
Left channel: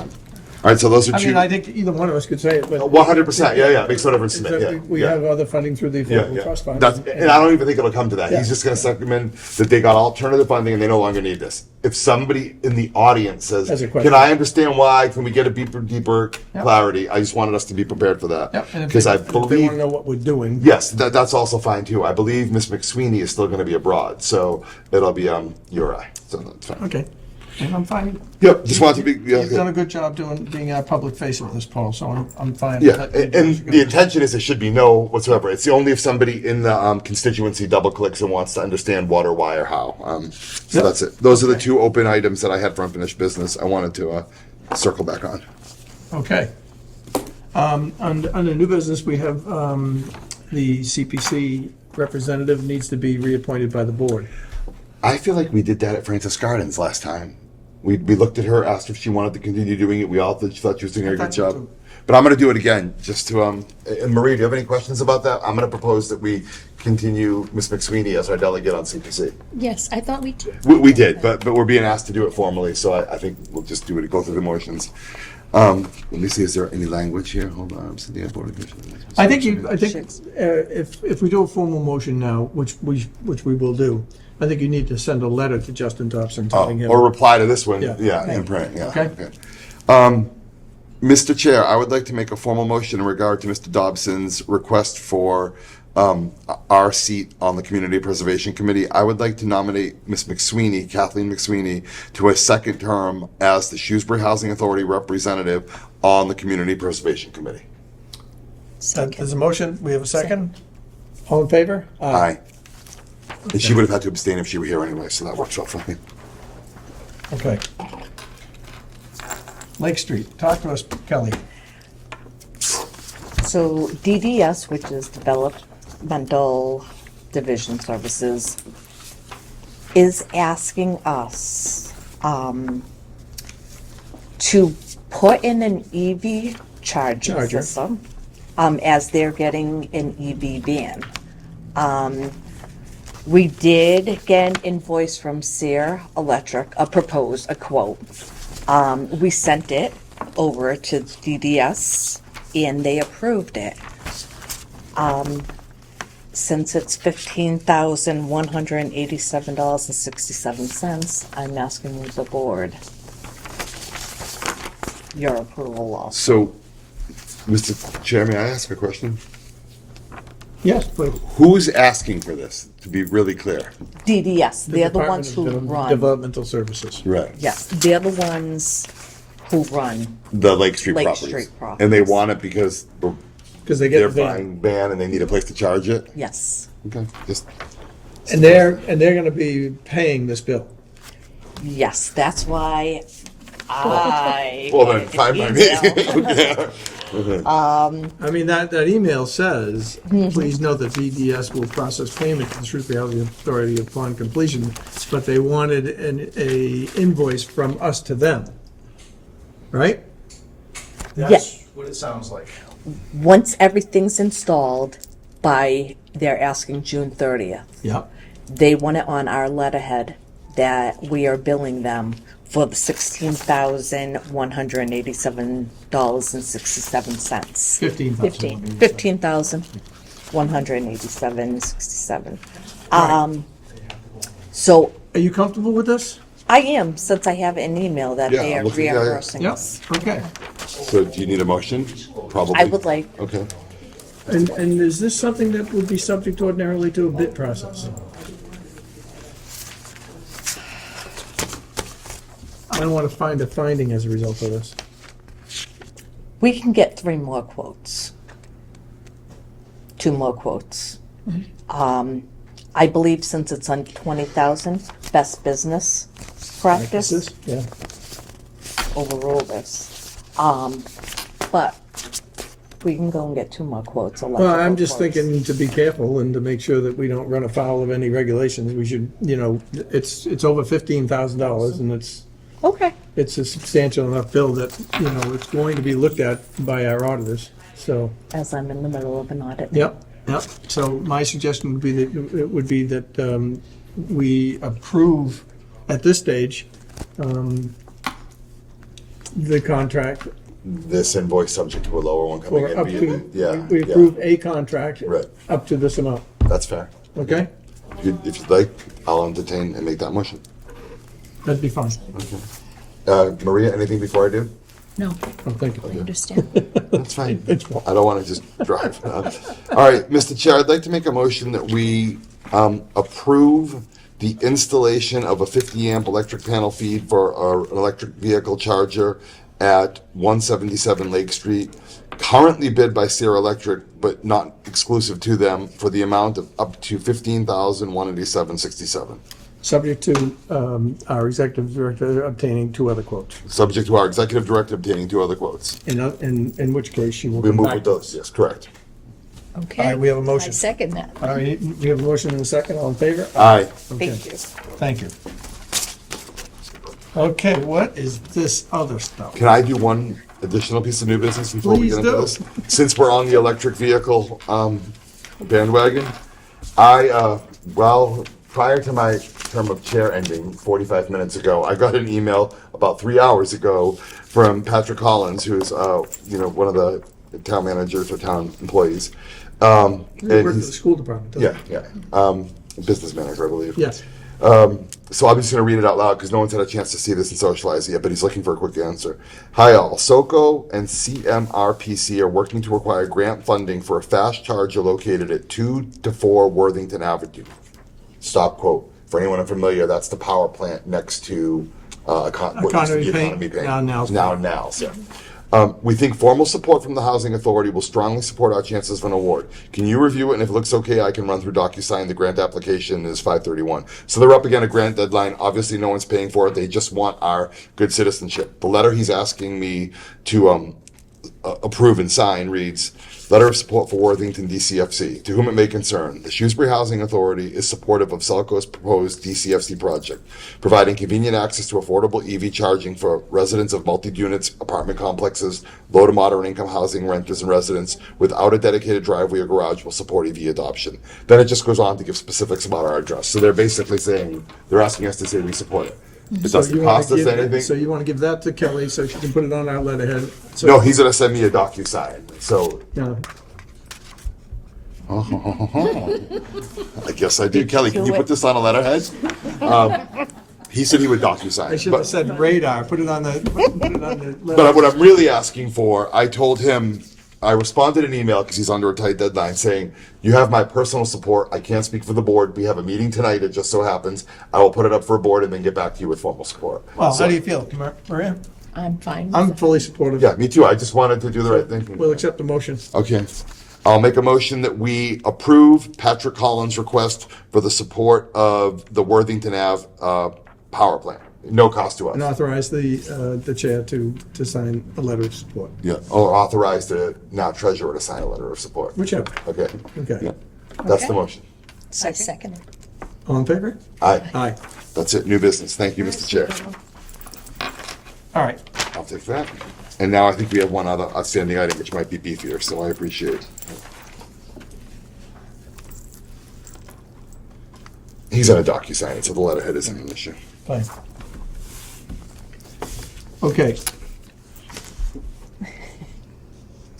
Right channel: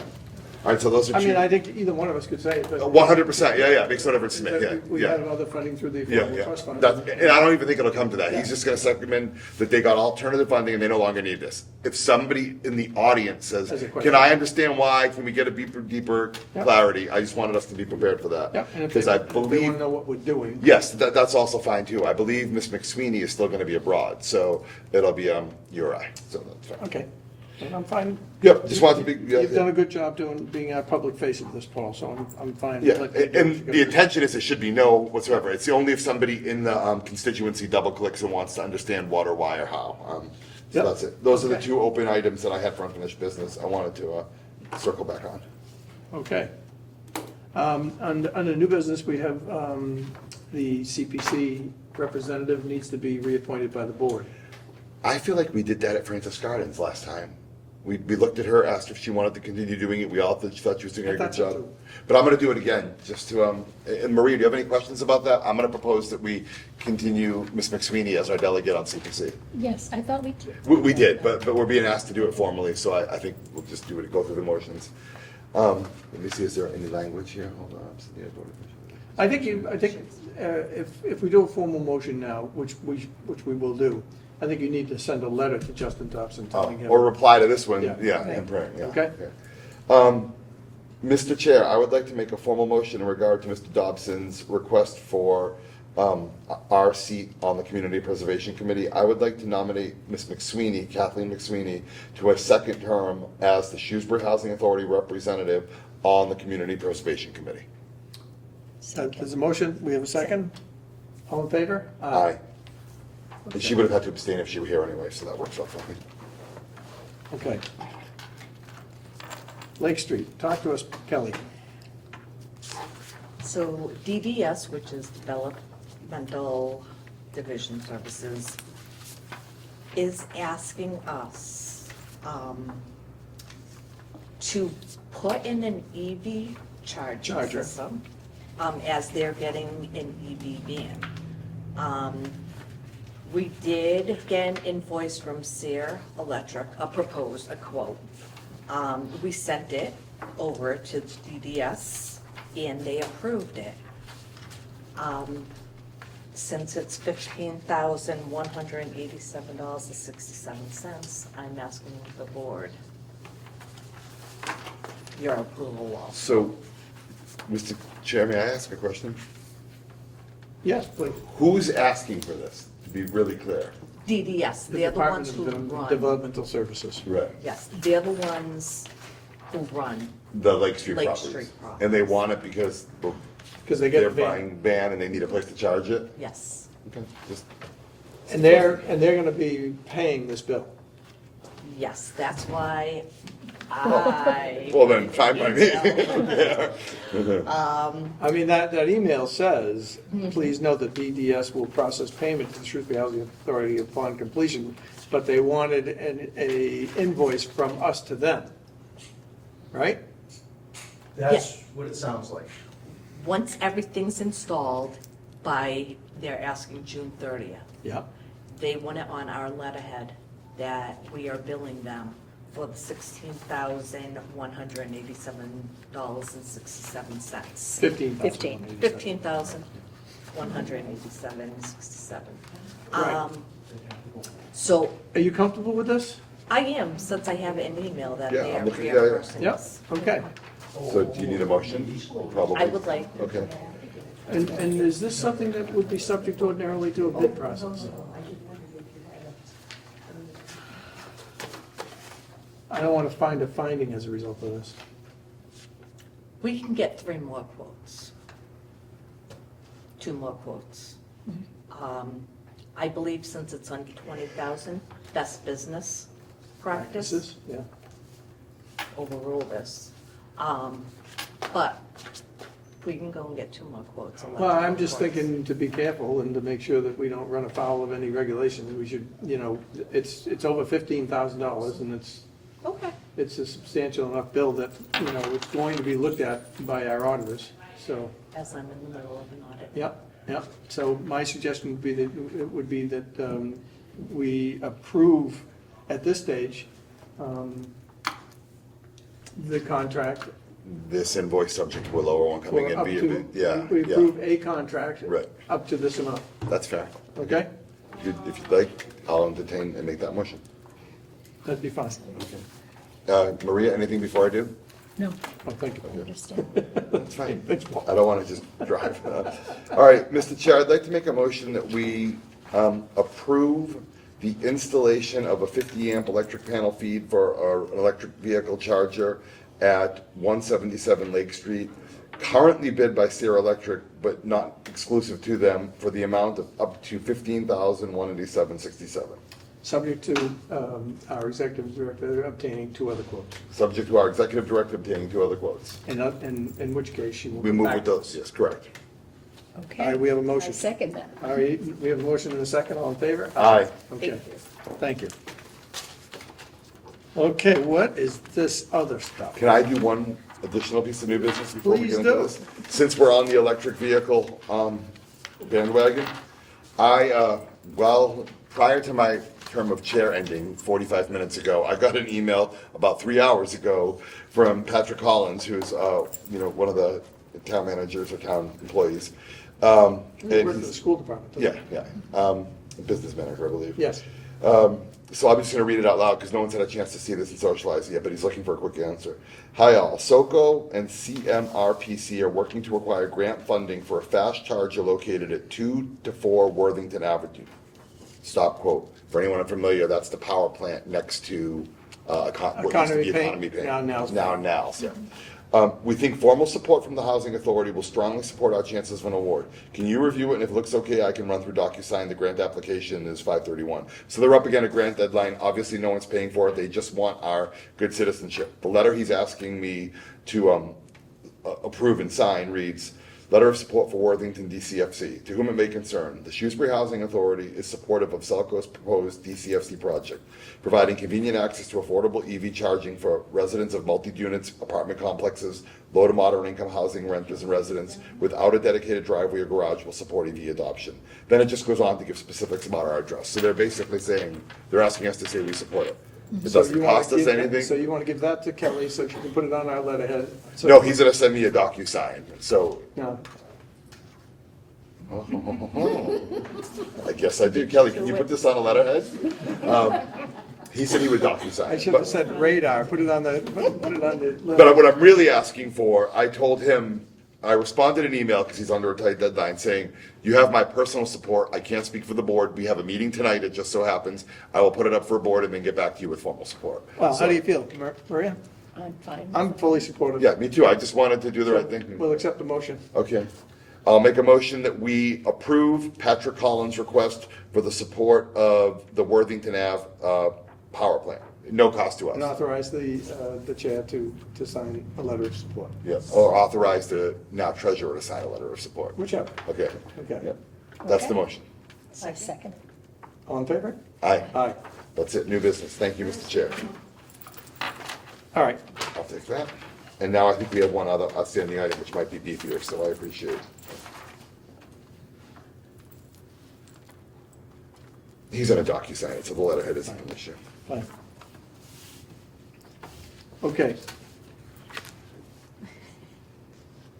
All right, so those are I two. mean, I think either one of us could say it, but. 100%, yeah, makes no difference to me, Is that yeah. We yeah. have other funding through the Yeah, Affordable yeah. Trust Fund. And I don't even think it'll come to that. Yeah. He's just gonna recommend that they got alternative funding and they no longer need this. If somebody in the audience Has says, a question. can I understand why, can we get a deeper Yep. clarity? I just wanted us to be prepared for that. Yep, and if Because they I want believe, to know what we're doing. yes, that's also fine too. I believe Ms. McSweeney is still gonna be abroad, so it'll be, Uri, so that's fine. Okay, and I'm fine. Yep, just wanted to be, yeah, You've done a good job being our public face of this, Paul, so I'm fine. yeah, and the intention is it should be no whatsoever. It's only if somebody in the constituency double clicks and wants to understand what or why or how. So Yep. that's it. Those are the two open items that I had for unfinished business. I wanted to circle back on. Okay. Under new business, we have the CPC representative needs to be reappointed by the board. I feel like we did that at Francis Gardens last time. We looked at her, asked if she wanted to continue doing it. We all thought she was doing a I good thought so job. too. But I'm going to do it again, just to, and Marie, do you have any questions about that? I'm going to propose that we continue Ms. McSweeney as our delegate on CPC. Yes, I thought we did. We did, but we're being asked to do it formally, so I think we'll just do it, go through the motions. Let me see, is there any language here? Hold on, I'm sitting at Board of Commissioners. I think if we do a formal motion now, which we will do, I think you need to send a letter to Justin Dobson telling him. Or reply to this one, Yeah. yeah, in print, yeah. Okay. Mr. Chair, I would like to make a formal motion in regard to Mr. Dobson's request for our seat on the Community Preservation Committee. I would like to nominate Ms. McSweeney, Kathleen McSweeney, to a second term as the Shrewsbury Housing Authority representative on the Community Preservation Committee. There's a motion, we have a second? All in favor? Aye. And she would have had to abstain if she were here anyway, so that works out fine. Okay. Lake Street, talk to us, Kelly. so DDS, which is Developmental Division Services, is asking us to put in an EV charging Charger. system as they're getting an EV van. We did get an invoice from Sear Electric, a quote. We sent it over to DDS and they approved it. Since it's $15,187.67, I'm asking the board your approval also. So, Mr. Chair, may I ask a question? Yes, please. Who's asking for this, to be really clear? DDS, they're the Department ones of who run, Developmental Services. Right. yes, they're the ones who run. The Lake Street Lake properties. Street And they properties. want it because Because they get they're the van. buying van and they need a place to charge it? Yes, Okay, just, And they're gonna be paying this bill. yes, that's why I. well then, get an fine by me. email. Yeah. I mean, that email says, Mm-hmm. please note that DDS will process payment to the Shrewsbury Housing Authority upon completion, but they wanted a invoice from us to them. Right? That's what it sounds like. Once everything's installed they're asking June 30th. Yep. They want it on our letterhead that we are billing them for the $16,187.67. 15,000. $15,187.67. So Are you comfortable with this? I am, since I have an email that Yeah, they are I'm looking- yeah, reimbursing Yep. us. Okay. So do you need a motion? Probably. I would like, Okay. And is this something that would be subject ordinarily to a bid process? I don't want to find a finding as a result of this. We can get 3 more quotes. 2 more quotes. I believe since it's on 20,000, best business practice, Yeah. overrule this. But we can go and get 2 more quotes. Well, I'm electrical just quotes. thinking to be careful and to make sure that we don't run afoul of any regulations. We should, it's over $15,000 and Okay. it's a substantial enough bill that, it's going to be looked at by our auditors, so. As I'm in the middle of an audit. Yep. So my suggestion would be that we approve at this stage the contract This invoice subject to a lower one coming for in. up be to, it- Yeah, we yeah, approve a contract Right. up to this amount, that's fair. okay? If you'd like, I'll entertain and make that motion. That'd be fine. Maria, anything before I do? No, Oh, thank I you. understand. That's fine. I don't want to just drive. All right, Mr. Chair, I'd like to make a motion that we approve the installation of a 50 amp electric panel feed for an electric vehicle charger at 177 Lake Street, currently bid by Sierra Electric, but not exclusive to them, for the amount of up to $15,187.67. Subject to our executive director obtaining 2 other quotes, Subject to our executive director obtaining 2 other quotes. in which case she will We come move back with to those, us. yes, correct. Okay. All right, we have a motion. I second that. All right, we have a motion and a second, all in favor? Aye. Okay. Thank you. Thank you. Okay, what is this other stuff? Can I do one additional piece of new business before we Please get into do. this? Since we're on the electric vehicle bandwagon, prior to my term of chair ending 45 minutes ago, I got an email about 3 hours ago from Patrick Collins, who's one of the town managers or town employees. You And work for the he's- school department, don't you? yeah. Business manager, I believe. Yes. So I'm just going to read it out loud because no one's had a chance to see this and socialize it yet, but he's looking for a quick answer. Hi all, SOCO and CMRPC are working to acquire grant funding for a fast charger located at 2 to 4 Worthington Avenue. Stop quote. For anyone unfamiliar, that's the power plant next to what used to be Economy Paint, now Now's. Now's, yeah. We think formal support from the Housing Authority will strongly support our chances of an award. Can you review it, and if it looks okay, I can run through DocuSign. The grant application is 5/31. So they're up against a grant deadline. Obviously, no one's paying for it. They just want our good citizenship. The letter he's asking me to approve and sign reads, Letter of Support for Worthington DCFC. To whom it may concern, the Shrewsbury Housing Authority is supportive of Selco's proposed DCFC project, providing convenient access to affordable EV charging for residents of multi-units, apartment complexes, low to moderate income housing renters and residents without a dedicated driveway or garage will support EV adoption. Then it just goes on to give specifics about our address. So they're basically saying, they're asking us to say we support it. It So doesn't you wanna cost us give it- anything. So you want to give that to Kelly so she can put it on our letterhead? So- No, he's gonna send me a DocuSign, so No. I guess I do. Kelly, can you put this on a letterhead? He said he would DocuSign. I should have but- said radar, put it on the letter. But what I'm really asking for, I told him, I responded an email because he's under a tight deadline saying, you have my personal support. I can't speak for the board. We have a meeting tonight. It just so happens. I will put it up for a board and then get back to you with formal support. Well, So- how do you feel, Maria? I'm fine with I'm it. fully supportive. Yeah, me too. I just wanted to do the right thing. We'll accept the motion. Okay. I'll make a motion that we approve Patrick Collins' request for the support of the Worthington Ave power plant. No cost to And us. authorize the chair to sign a letter of support, Yeah, or authorize the now treasurer to sign a letter of support. whichever. Okay. Okay. Yeah. That's the Okay. motion. I second it. All in favor? Aye. Aye. That's it. New business. Thank you, Mr. Chair. All right. I'll take that. And now I think we have one other outstanding item, which might be beefier, so I appreciate it. He's on a DocuSign it, so the letterhead isn't an issue. Fine. Okay.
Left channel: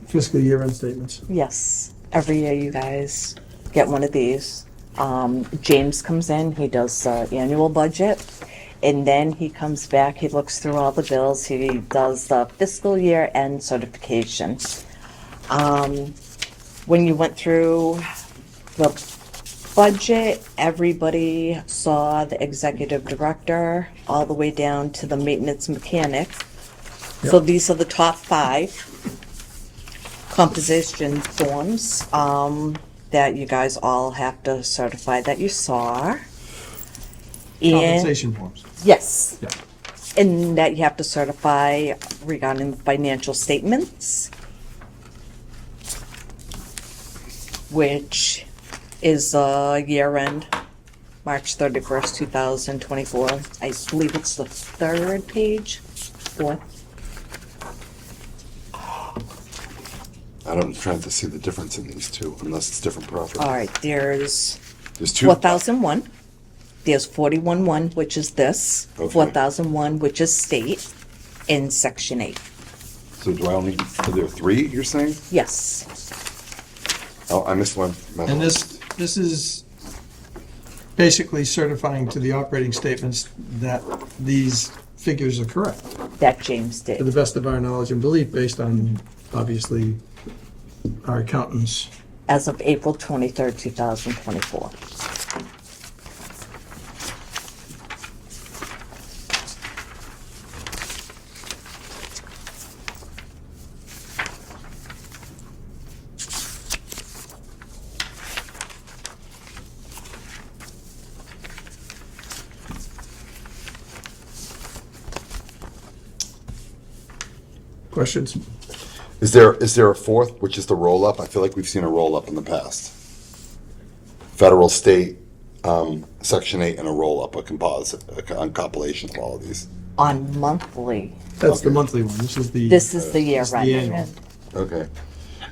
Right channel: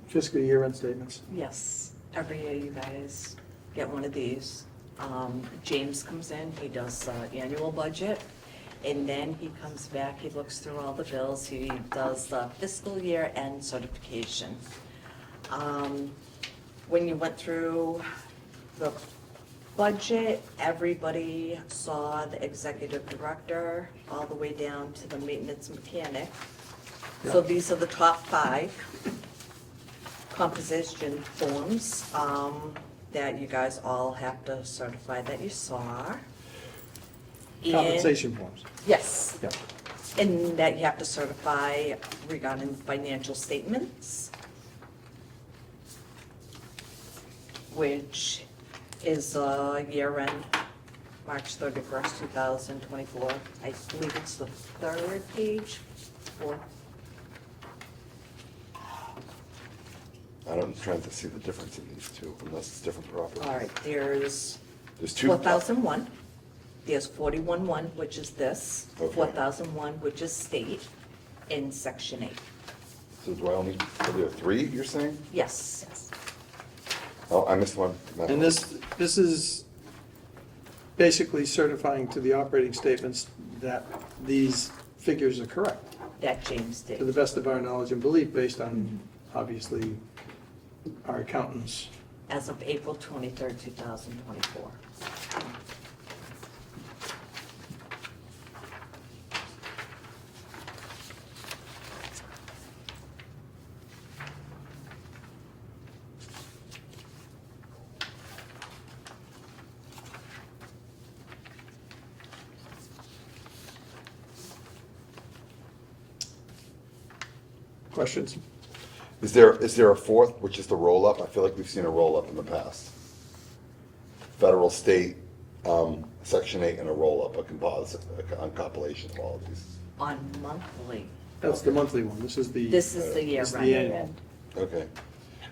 Fiscal year end statements. Yes, every year you guys get one of these. James comes in, he does the annual budget, and then he comes back, he looks through all the bills, he does the fiscal year end certification. When you went through the budget, everybody saw the executive director all the way down to the maintenance mechanic. So Yep. these are the top 5 composition forms that you guys all have to certify that you saw. And- Compensation forms. Yes. Yeah. And that you have to certify regarding financial statements, which is year end, March 31st, 2024. I believe it's the 3rd page, 4th. I'm trying to see the difference in these two, unless it's different properties. All right, there's There's two. 4001. There's 41-1, which is this, Okay. 4001, which is state, in section 8. So do I only, are there 3, you're saying? Yes. Oh, I missed one. And this is basically certifying to the operating statements that these figures are correct, That James to the did. best of our knowledge and belief, based on, obviously, our accountants. As of April 23rd, 2024. Questions? Is there a 4th, which is the roll-up? I feel like we've seen a roll-up in the past. Federal, state, section 8, and a roll-up, a composite, a compilation of all of these. On monthly, That's the monthly one. This is the. this is the year It's the end. annual. Okay.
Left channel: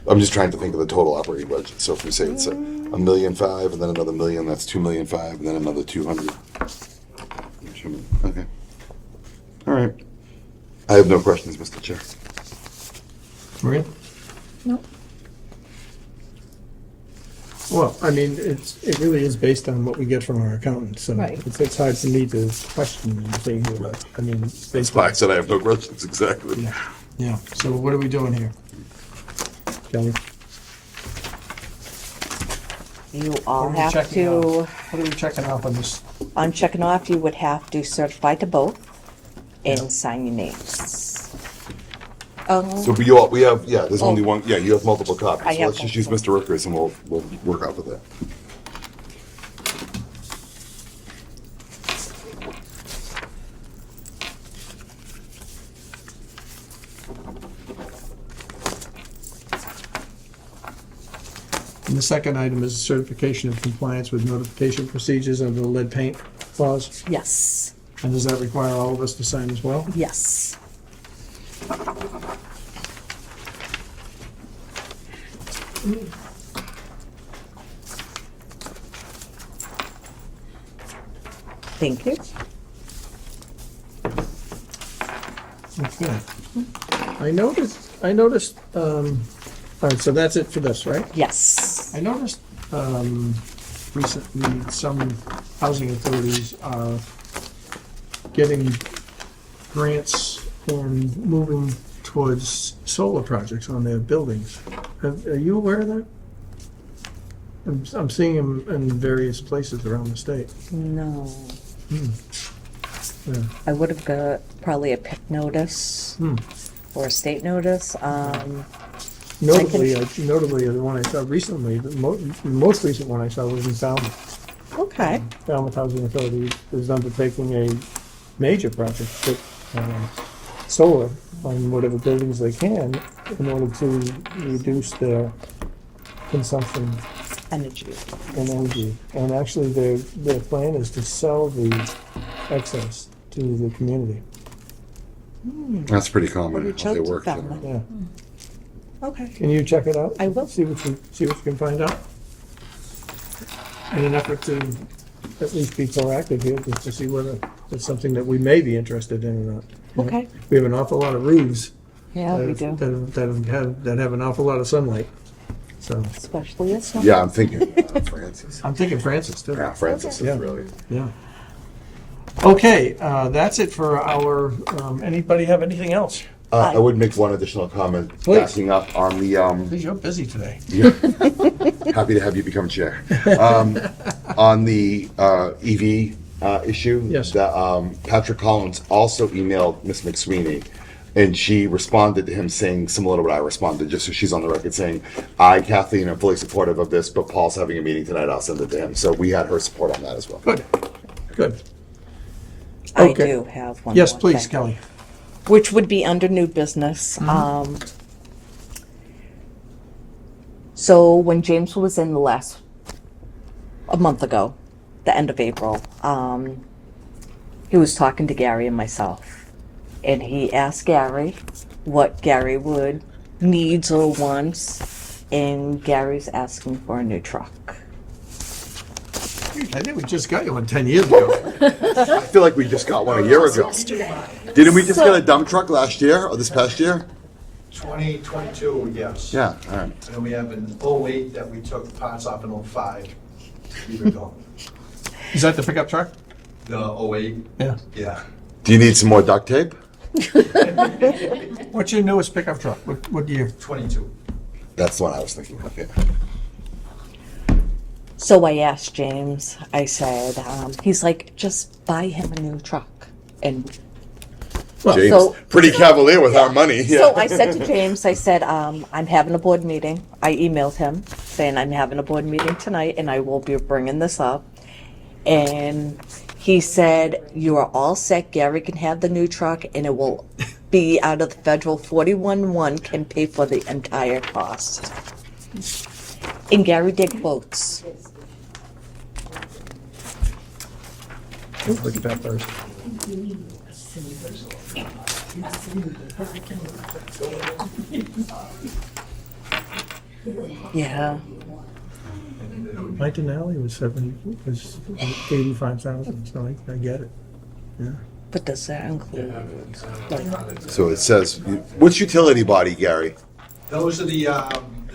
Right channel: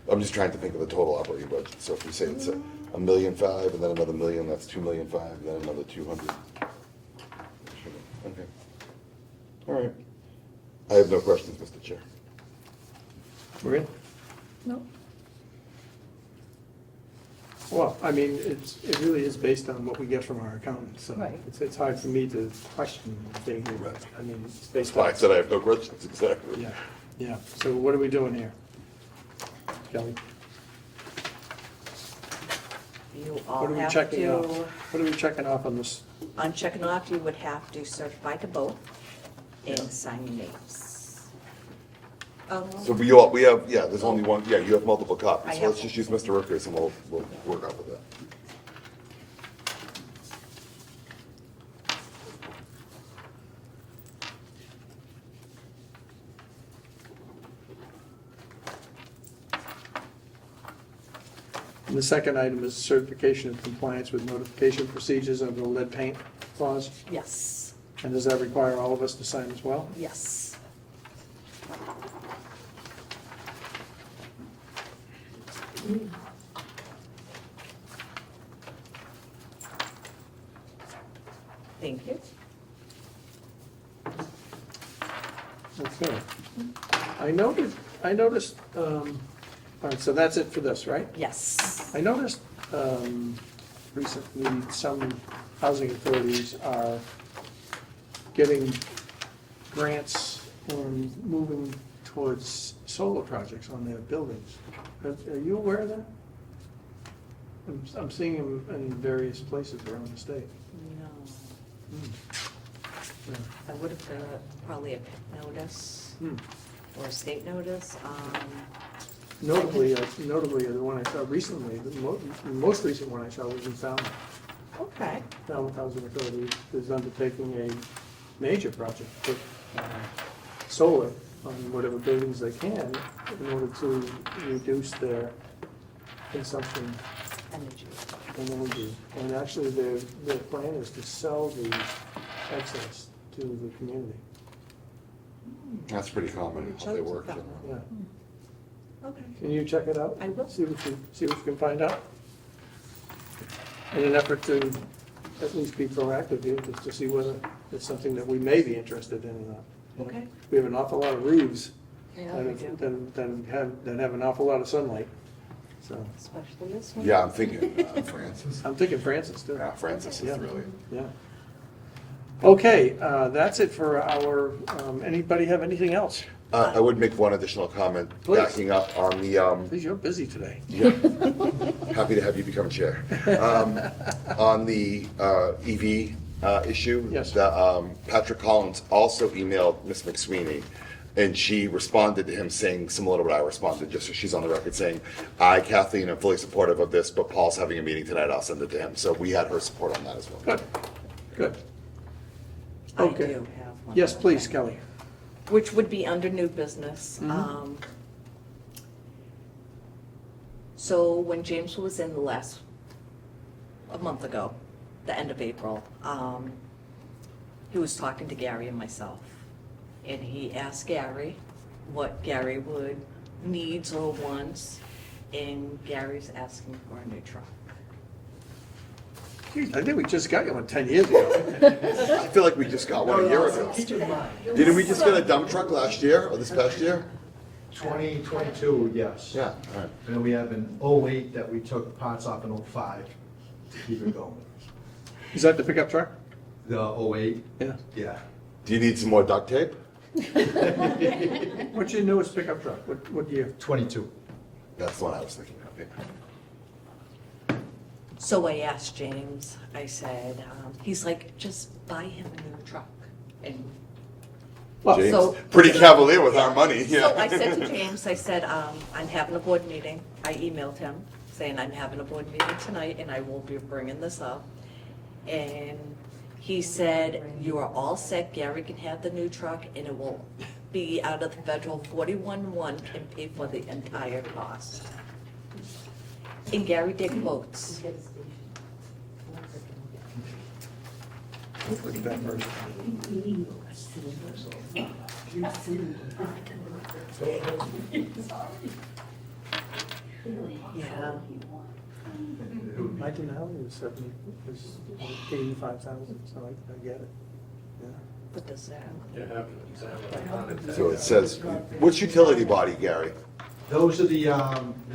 I'm just trying to think of the total operating budget. So if we say it's $1.5 million, and then another $1 million, that's $2.5 million, and then another 200. Okay. All right. I have no questions, Mr. Chair. Maria? No, Well, I mean, it really is based on what we get from our accountants, so Right. it's hard for me to question anything here. Right. I mean, That's based why I on, said I have no questions, exactly. yeah, yeah. So what are we doing here? Kelly? You all What are we have checking to, off? What are we checking off on this? on checking off, you would have to certify to both Yeah. and sign your names. So we have, yeah, there's only one, yeah, you have multiple copies. I So have let's just use Mr. Rooker's and we'll work off of that. And the second item is certification of compliance with notification procedures under the lead paint clause. Yes, And does that require all of us to sign as well? yes. Thank you. Okay. I noticed, all right, so that's it for this, right? Yes. I noticed recently some housing authorities are getting grants and moving towards solar projects on their buildings. Are you aware of that? I'm seeing them in various places around the state. No. Yeah. I would have got probably a PIC notice Hmm. or a state notice. Notably, the one I saw recently, the most recent one I saw was in Falmouth. Okay. Falmouth Housing Authority is undertaking a major project to put solar on whatever buildings they can in order to reduce their consumption Energy. in energy. And actually, their plan is to sell the excess to the community. That's pretty common, Reach how they out to work. them. Yeah. Okay. Can you check it out? I will. See what you can find out. In an effort to at least be proactive here, just to see whether it's something that we may be interested in or not. You know, Okay. We have an awful lot of roofs. Yeah, we do. That have an awful lot of sunlight, so. Especially this one. Yeah, I'm thinking Francis. I'm thinking Francis too. Yeah, Francis Yeah. is really. Yeah. Okay, that's it for our, anybody have anything else? I would make one additional comment, Please. backing up on the, Please, you're busy today. yeah. Happy to have you become chair. On the EV issue. Yes. Patrick Collins also emailed Ms. McSweeney, and she responded to him saying similar to what I responded, just so she's on the record saying, I, Kathleen, am fully supportive of this, but Paul's having a meeting tonight, I'll send it to him. So we had her support on that as well. Good, good. I Okay. do have one. Yes, more please, thing, Kelly. which would be under new business. So when James was in a month ago, the end of April, he was talking to Gary and myself. And he asked Gary what Gary needs or wants, and Gary's asking for a new truck. I think we just got you one 10 years ago. I feel like we just got one a year ago. Didn't we just get a dump truck last year, or this past year? 2022, yes. Yeah, all right. And then we have an '08 that we took parts off in '05, years ago. Is that the pickup truck? The '08, Yeah. yeah. Do you need some more duct tape? What's your newest pickup truck? What year? 22. That's the one I was thinking of, yeah. So I asked James, I said, he's like, just buy him a new truck. And Well, James, so- pretty cavalier with our money, yeah. so I said to James, I said, I'm having a board meeting. I emailed him saying I'm having a board meeting tonight and I will be bringing this up. And he said, you are all set. Gary can have the new truck and it will be out of the federal 41-1 can pay for the entire cost. And Gary did quotes. look at that first. Yeah. My Denali was 85,000, so I get it. Yeah. But does that include? So it says, which utility body, Gary? Those are the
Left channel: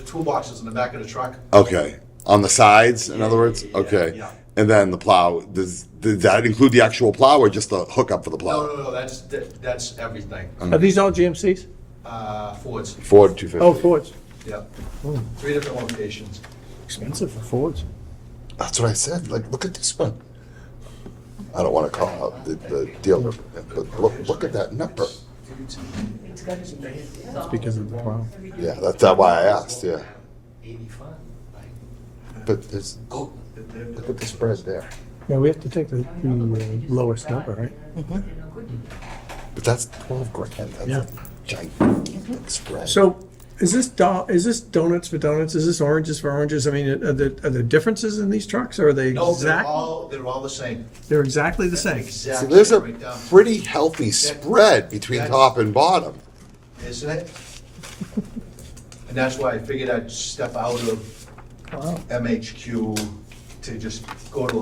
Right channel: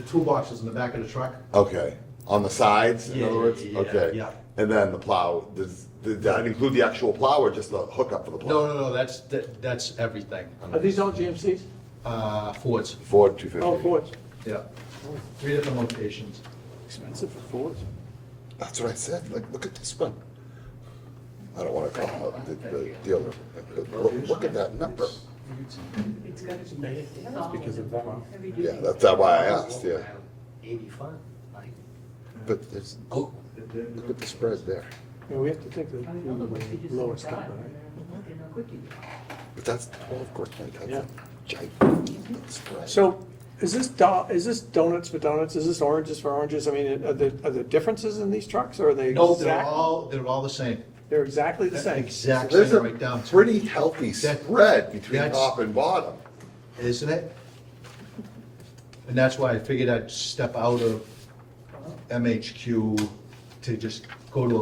toolboxes in the back of the truck. Okay, on the sides, in other words? Yeah, Okay. yeah. And then the plow, does that include the actual plow or just the hookup for the plow? No, that's everything. Are these all GMCs? Fords, Ford 250. Oh, Fords. yeah. 3 different locations. Expensive for Fords. That's what I said, like, look at this one. I don't want to call out the dealer, but look at that number. That's because of the plow. Yeah, that's why I asked, yeah. But there's, look at the spread there. Yeah, we have to take the lowest number, right? But that's 12 grand, Yeah. that's a gigantic spread. So is this donuts for donuts? Is this oranges for oranges? I mean, are there differences in these trucks or are they No, exact? they're all the same. They're exactly the same. So Exact there's same a right down. pretty healthy spread between that's- top and bottom. Isn't it? And that's why I figured I'd step out of MHQ to just go to the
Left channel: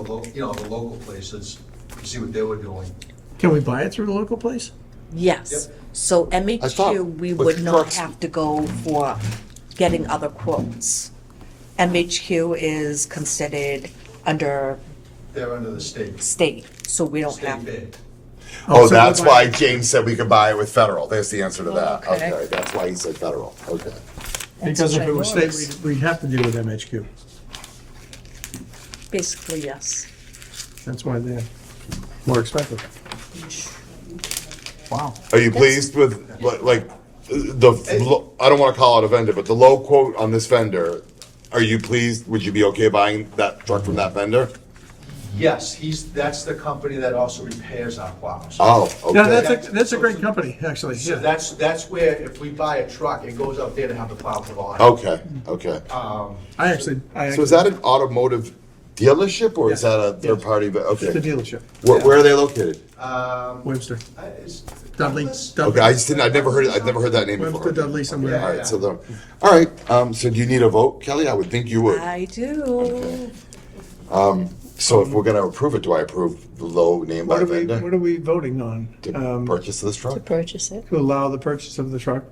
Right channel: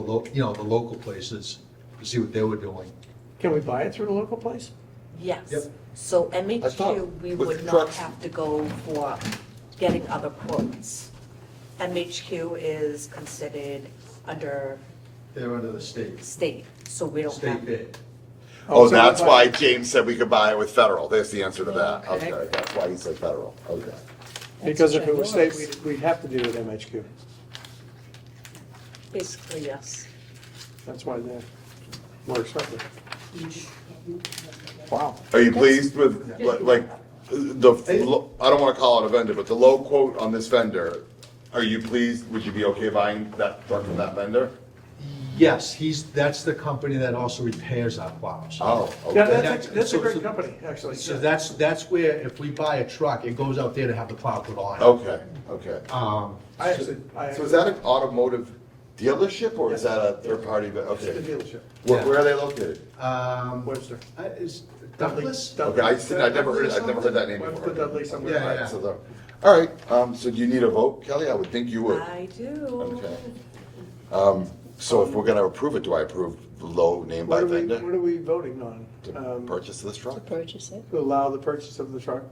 local places, to see what they were doing. Can we buy it through the local place? Yes. Yep. So I MHQ, thought we with would not trucks- have to go for getting other quotes. MHQ is considered under They're under the state so we don't have. bid. Oh, so that's we'll buy why it. James said we could buy it with federal. There's the answer to that. Okay. Okay, that's why he said federal. Okay. Because if what it it was was. state, we'd have to deal with MHQ. Basically, yes. That's why they're more expensive. Wow. Are you pleased with, like, I don't want to call it a vendor, but the low quote on this vendor, are you pleased? Would you be okay buying that truck from that vendor? Yes, that's the company that also repairs our plows. Oh, Yeah, okay. that's a great company, actually. So Yeah. that's where, if we buy a truck, it goes out there to have the plow put on. Okay, okay. I actually. So is that an automotive dealership or is Yes. that a third party? It's the Okay. dealership, Where are they located? Webster. Is Dudley. Douglas? Okay, I've never heard that name Webster before. Dudley somewhere. All right, so all right, so do you need a vote, Kelly? I would think you would. I do. Okay. So if we're gonna approve it, do I approve the low name by What are vendor we voting on? to purchase this To truck? purchase it. To allow the purchase of the truck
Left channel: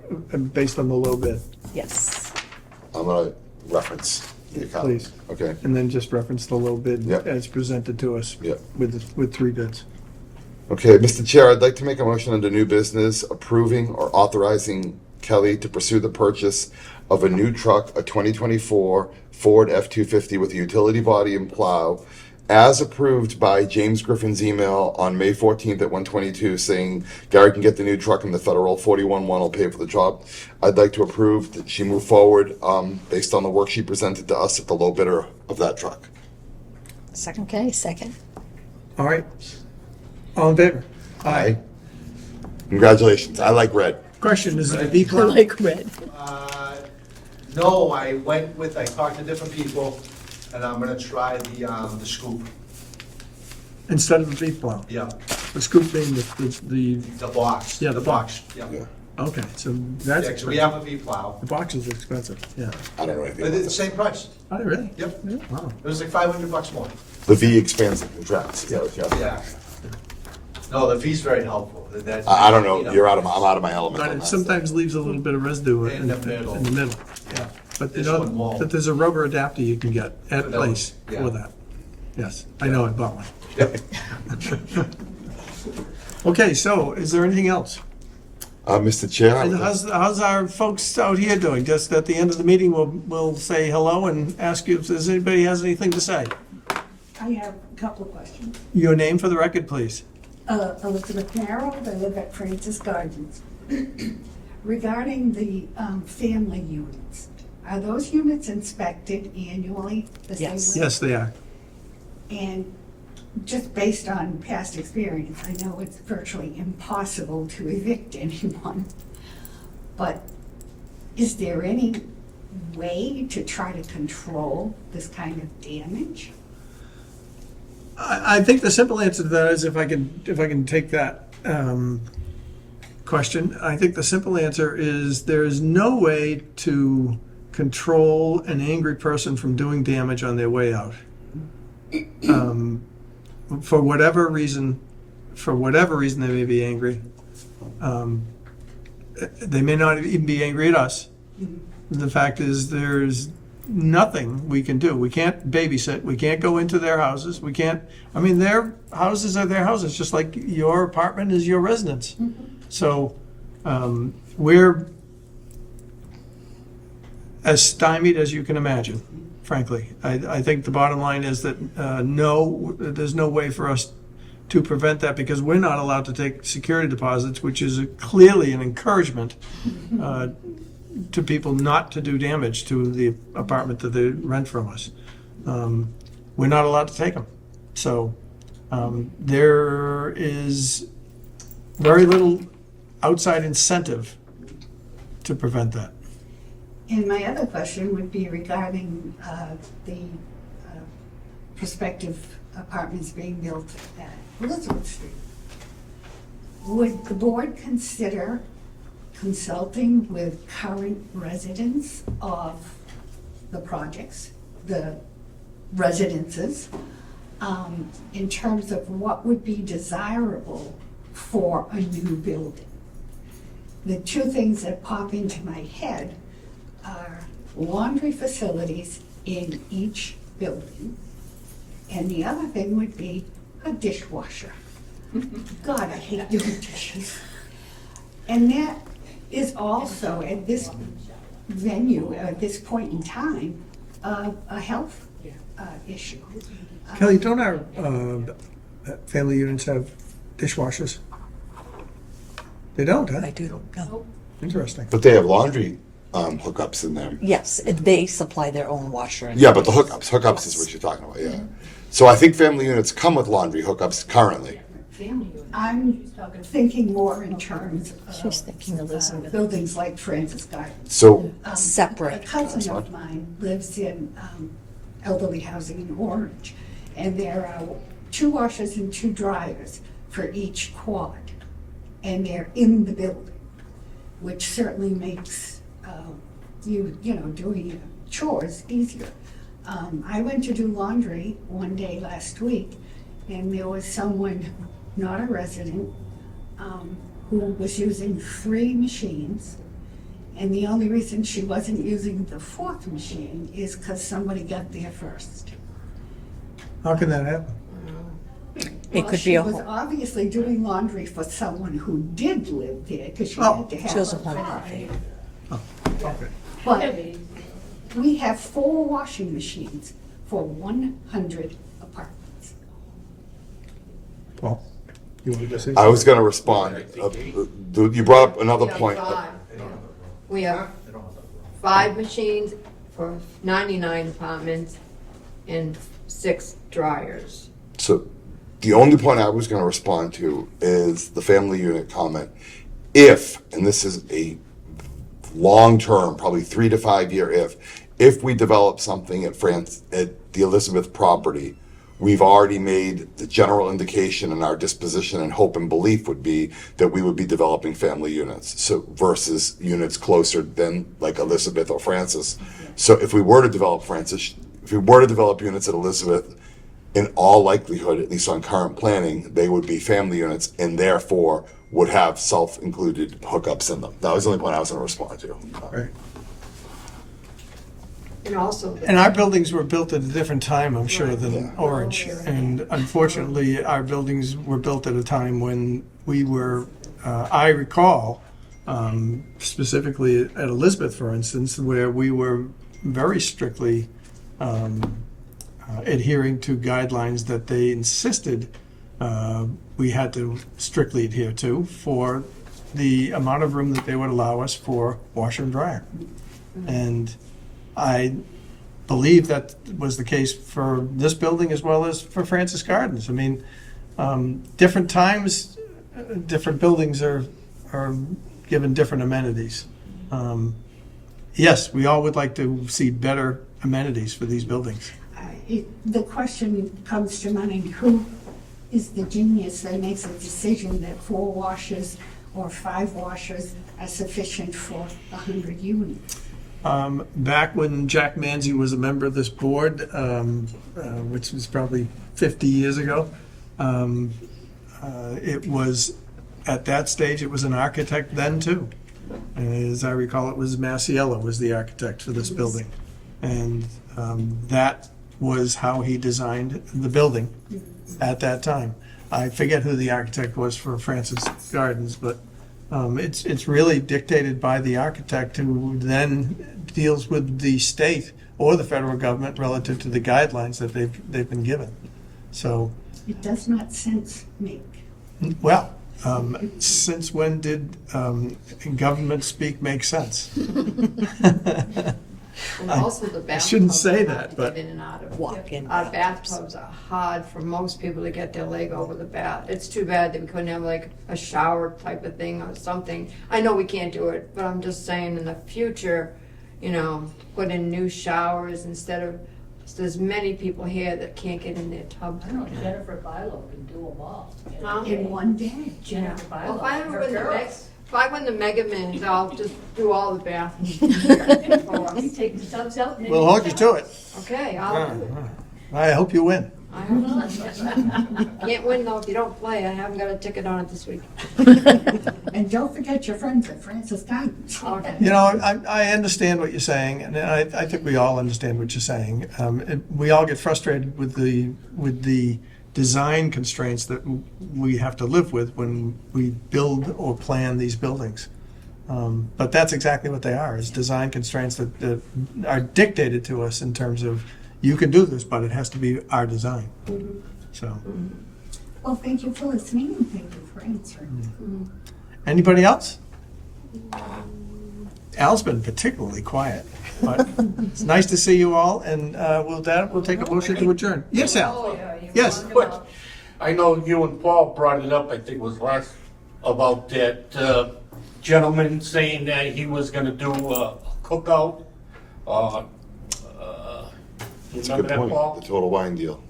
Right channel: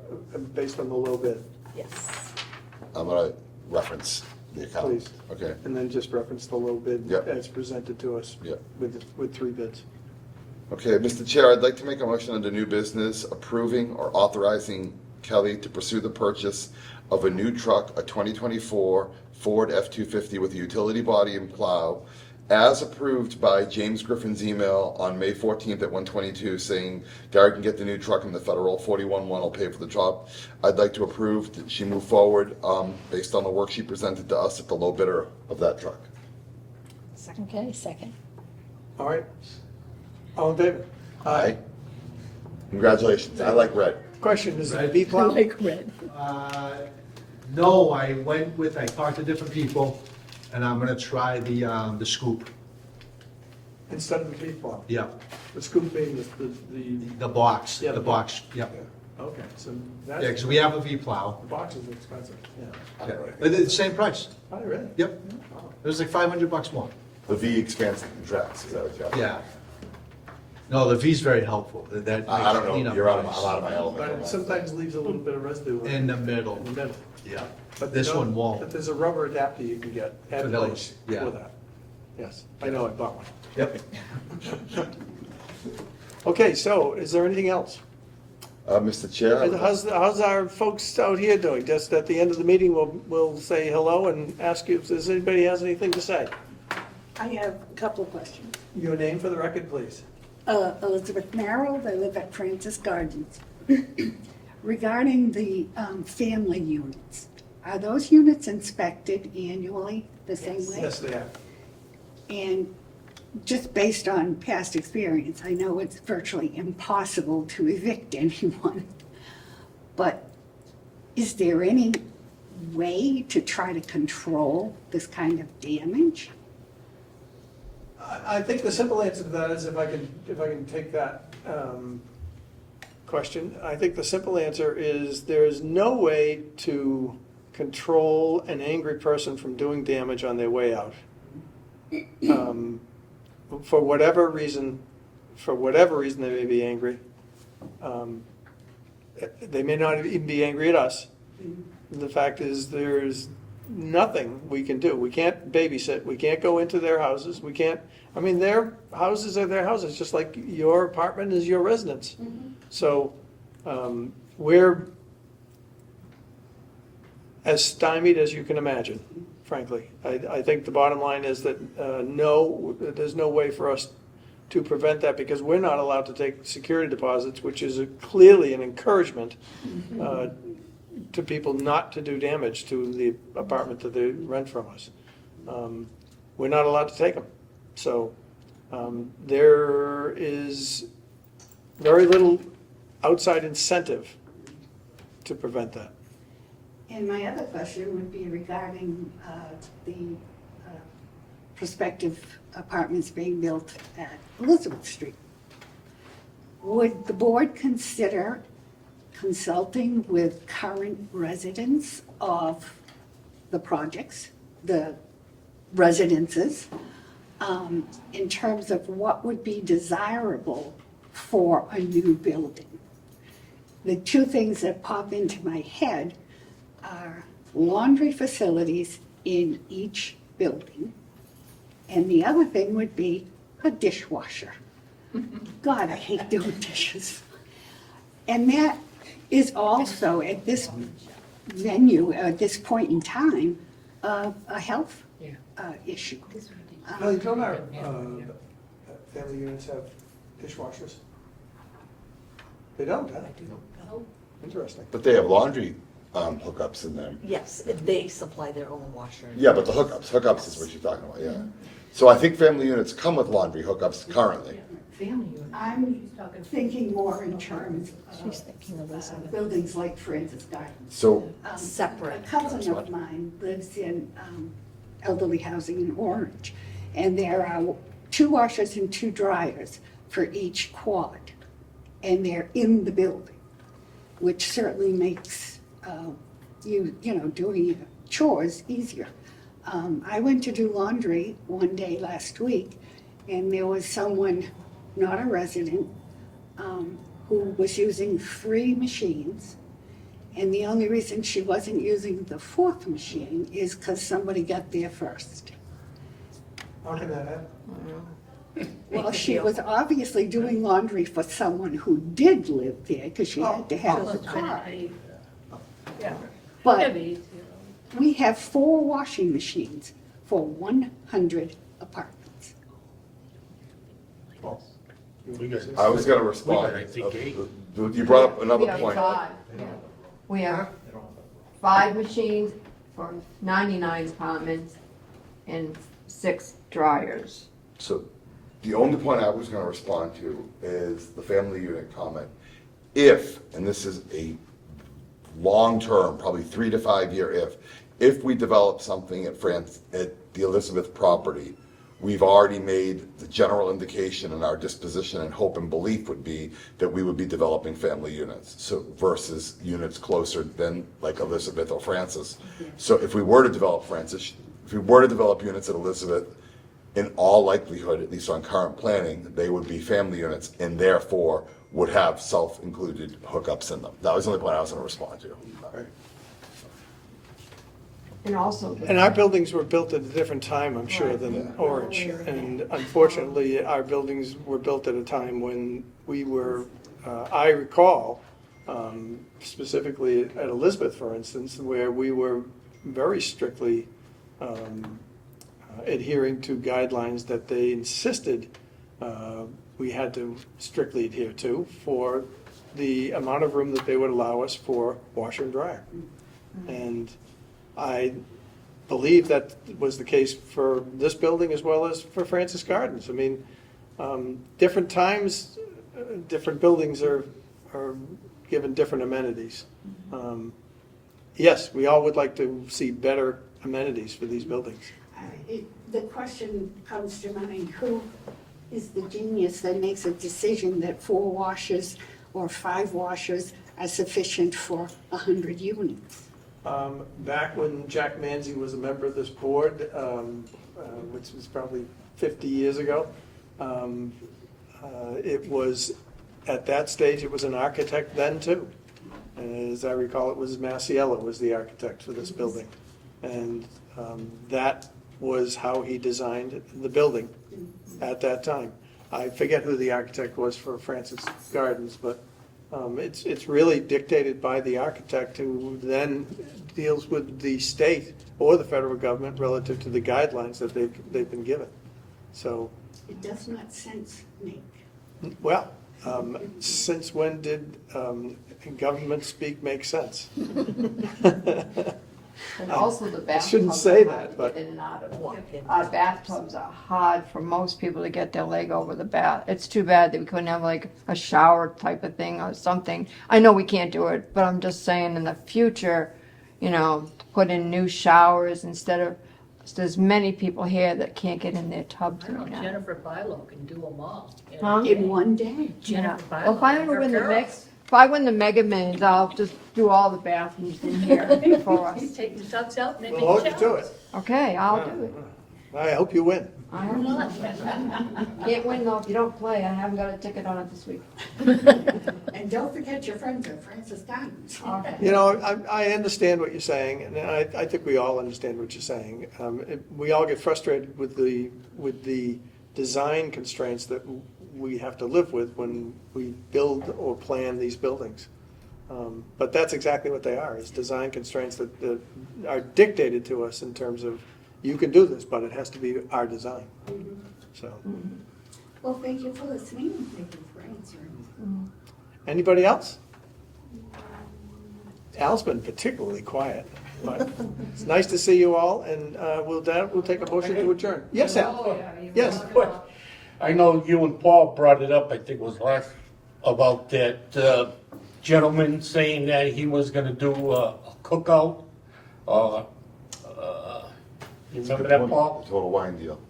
based on the low bid, Yes. I'm gonna reference the account. Please. Okay, and then just reference the low bid Yep. as presented to us Yep. with 3 bids. Okay, Mr. Chair, I'd like to make a motion under new business approving or authorizing Kelly to pursue the purchase of a new truck, a 2024 Ford F-250 with a utility body and plow, as approved by James Griffin's email on May 14th at 1:22 saying Gary can get the new truck and the federal 41-1 will pay for the job. I'd like to approve that she move forward based on the work she presented to us at the low bidder of that truck. Second. Okay, second. All right. All in favor? Aye. Congratulations. I like red. Question, is it a B I plow? like red. No, I talked to different people, and I'm gonna try the scoop. Instead of a B plow? Yeah, The scoop being the, the box. Yeah, the box. Yeah. okay, so Yeah, that's 'cause we have a V plow, The box is expensive, yeah. I don't know but anything it's about the same price. Oh, really? Yep, Wow. it was like $500 more. that. The V expands and contracts. Is that what you're- Yeah. No, the V's very helpful. That- I don't know. you I'm out of my element. But on it that. sometimes leaves a little bit of residue In the middle. In the middle, yeah. But This you know one won't. that there's a rubber adapter you can get at For those, place yeah. for that. Yes, I know, I bought one. Yep. Okay, so is there anything else? Mr. Chair, How's our folks out here doing? Just at the end of the meeting, we'll say hello and ask you if there's anybody has anything to say. I have a couple of questions. Your name for the record, please. Elizabeth Merrill, I live at Francis Gardens. Regarding the family units, are those units inspected annually? the same Yes. way? Yes, they are. And just based on past experience, I know it's virtually impossible to evict anyone. But is there any way to try to control this kind of damage? I think the simple answer to that is if I can take that question, I think the simple answer is there is no way to control an angry person from doing damage on their way out. For whatever reason they may be angry. They may not even be angry at us. The fact is there's nothing we can do. We can't babysit. We can't go into their houses. We can't, I mean, their houses are their houses, just like your apartment is your residence. So we're as stymied as you can imagine, frankly. I think the bottom line is that no, there's no way for us to prevent that because we're not allowed to take security deposits, which is clearly an encouragement to people not to do damage to the apartment that they rent from us. We're not allowed to take them. So there is very little outside incentive to prevent that. And my other question would be regarding the prospective apartments being built at Elizabeth Street. Would the board consider consulting with current residents of the projects, the residences, in terms of what would be desirable for a new building? The two things that pop into my head are laundry facilities in each building, and the other thing would be a dishwasher. God, I hate doing dishes. And that is also, at this venue, at this point in time, a health issue. Kelly, don't our family units have dishwashers? They don't, huh? I do. No. Interesting. but they have laundry hookups in them. Yes, they supply their own washer. Yeah, but the hookups is what you're talking about, yeah. So I think family units come with laundry hookups currently. I'm thinking more in terms She's thinking of Elizabeth. buildings like Francis Gardens. So, Separate. A cousin of mine lives in elderly housing in Orange, and there are 2 washers and 2 dryers for each quad, and they're in the building, which certainly makes doing chores easier. I went to do laundry one day last week, and there was someone, not a resident, who was using 3 machines. And the only reason she wasn't using the 4th machine is because somebody got there first. How can that happen? It Well, could be she a was home. obviously doing laundry for someone who did live there, because she Oh. had to She have was a a home. car. Okay. But we have 4 washing machines for 100 apartments. Paul, you want to say I was something? gonna respond. You brought up another We have point. 5. We have They don't have that. 5 machines for 99 apartments and 6 dryers. So the only point I was gonna respond to is the family unit comment. If, and this is a long-term, probably 3 to 5 year if we develop something at the Elizabeth property, we've already made the general indication in our disposition and hope and belief would be that we would be developing family units, so versus units closer than like Elizabeth or Francis. So if we were to develop units at Elizabeth, in all likelihood, at least on current planning, they would be family units and therefore would have self-included hookups in them. That was the only point I was gonna respond to. Right. And also, And our buildings were built at a different time, I'm sure, than Orange. And unfortunately, our buildings were built at a time when we were, I recall, specifically at Elizabeth, for instance, where we were very strictly adhering to guidelines that they insisted we had to strictly adhere to for the amount of room that they would allow us for washer and dryer. And I believe that was the case for this building as well as for Francis Gardens. I mean, different times, different buildings are given different amenities. Yes, we all would like to see better amenities for these buildings. The question comes to mind, who is the genius that makes a decision that 4 washers or 5 washers are sufficient for 100 units? Back when Jack Manzi was a member of this board, which was probably 50 years ago, it was, at that stage, it was an architect then too. And as I recall, it was Masiello was the architect for this building. And that was how he designed the building at that time. I forget who the architect was for Francis Gardens, but it's really dictated by the architect who then deals with the state or the federal government relative to the guidelines that they've been given. So, It does not sense make. well, since when did government speak make sense? and also the bathtubs. shouldn't say are hard that, to but- get in and out of. Walk-in Our bathtubs. bathtubs are hard for most people to get their leg over the bath. It's too bad that we couldn't have like a shower type of thing or something. I know we can't do it, but I'm just saying in the future, you know, put in new showers instead of, there's many people here that can't get in their tubs. I know right now. Jennifer Bilo can do them all. Huh? In one day. You know, Jennifer well, if I Bilo, ever her win the girl. next, if I win the Mega Millions, I'll just do all the bathrooms here for You us. take the tubs out. and then We'll hold you to it. Okay, I'll do it. I hope you win. I hope not. Can't win though if you don't play. I haven't got a ticket on it this week. And don't forget your friends at Francis Gardens. Okay. You know, I understand what you're saying, and I think we all understand what you're saying. We all get frustrated with the design constraints that we have to live with when we build or plan these buildings. But that's exactly what they are, is design constraints that are dictated to us in terms of, you can do this, but it has to be our design. So, Well, thank you for listening and thank you for answering. anybody else? Al's been particularly quiet, but it's nice to see you all, and with that, we'll take a motion to adjourn. Yes, Al? Yes. But I know you and Paul brought it up, I think it was last, about that gentleman saying that he was gonna do a cookout. You It's a remember good that, point, Paul? the total wine deal.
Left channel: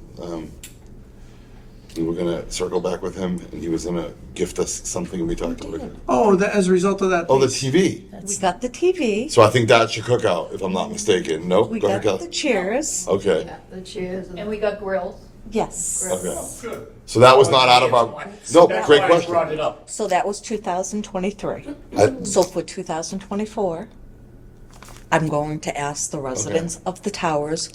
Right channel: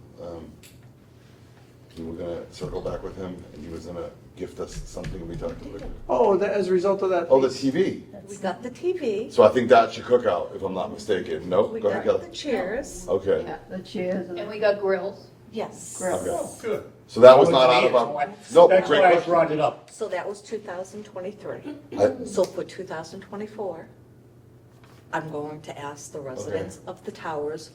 We were gonna circle back with him, and he was gonna gift us something, and we talked about it. Oh, as a result of that. Oh, the TV. We got the TV, So I think that's your cookout, if I'm not mistaken. Nope, we go ahead, got the Kelly. chairs, Okay, Yeah, the chairs and And we got grills. yes. okay. Good. So that was not out of our, no, That's great why I question. brought it up. So that was 2023. I- So for 2024, I'm going to ask the residents of the towers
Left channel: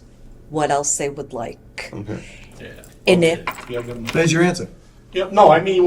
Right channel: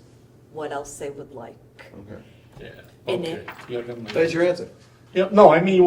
what else they would like. Okay. Yeah. And Okay. it- Yeah, then- There's your answer. Yeah, no, I mean,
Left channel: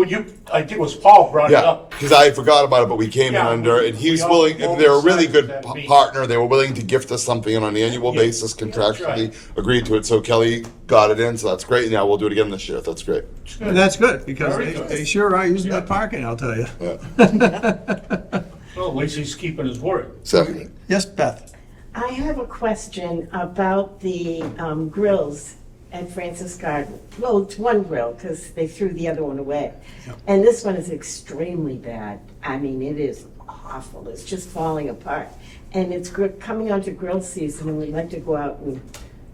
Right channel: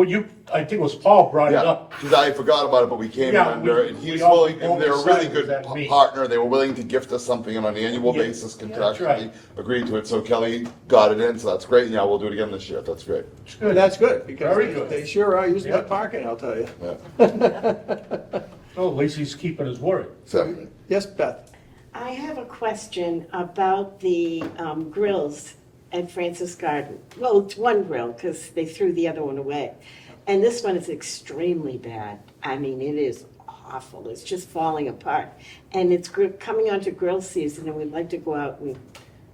I think it was Paul brought it Yeah, up. because I forgot about it, but we came in Yeah, under, and he we was all- willing, and they're a really good that meeting. partner, they were willing to gift us something on an annual Yeah. basis, that's contractually right. agreed to it, so Kelly got it in, so that's great, now we'll do it again this year, that's great. It's And good. that's good, because Very they good. they sure are using Yeah. that parking, I'll tell you. Yeah. Well, at least he's keeping his word. So, Yes, Beth? I have a question about the grills at Francis Garden. Well, it's one grill because they threw the other one away. And this one is extremely bad. I mean, it is awful. It's just falling apart. And it's coming onto grill season, and we'd like to go out and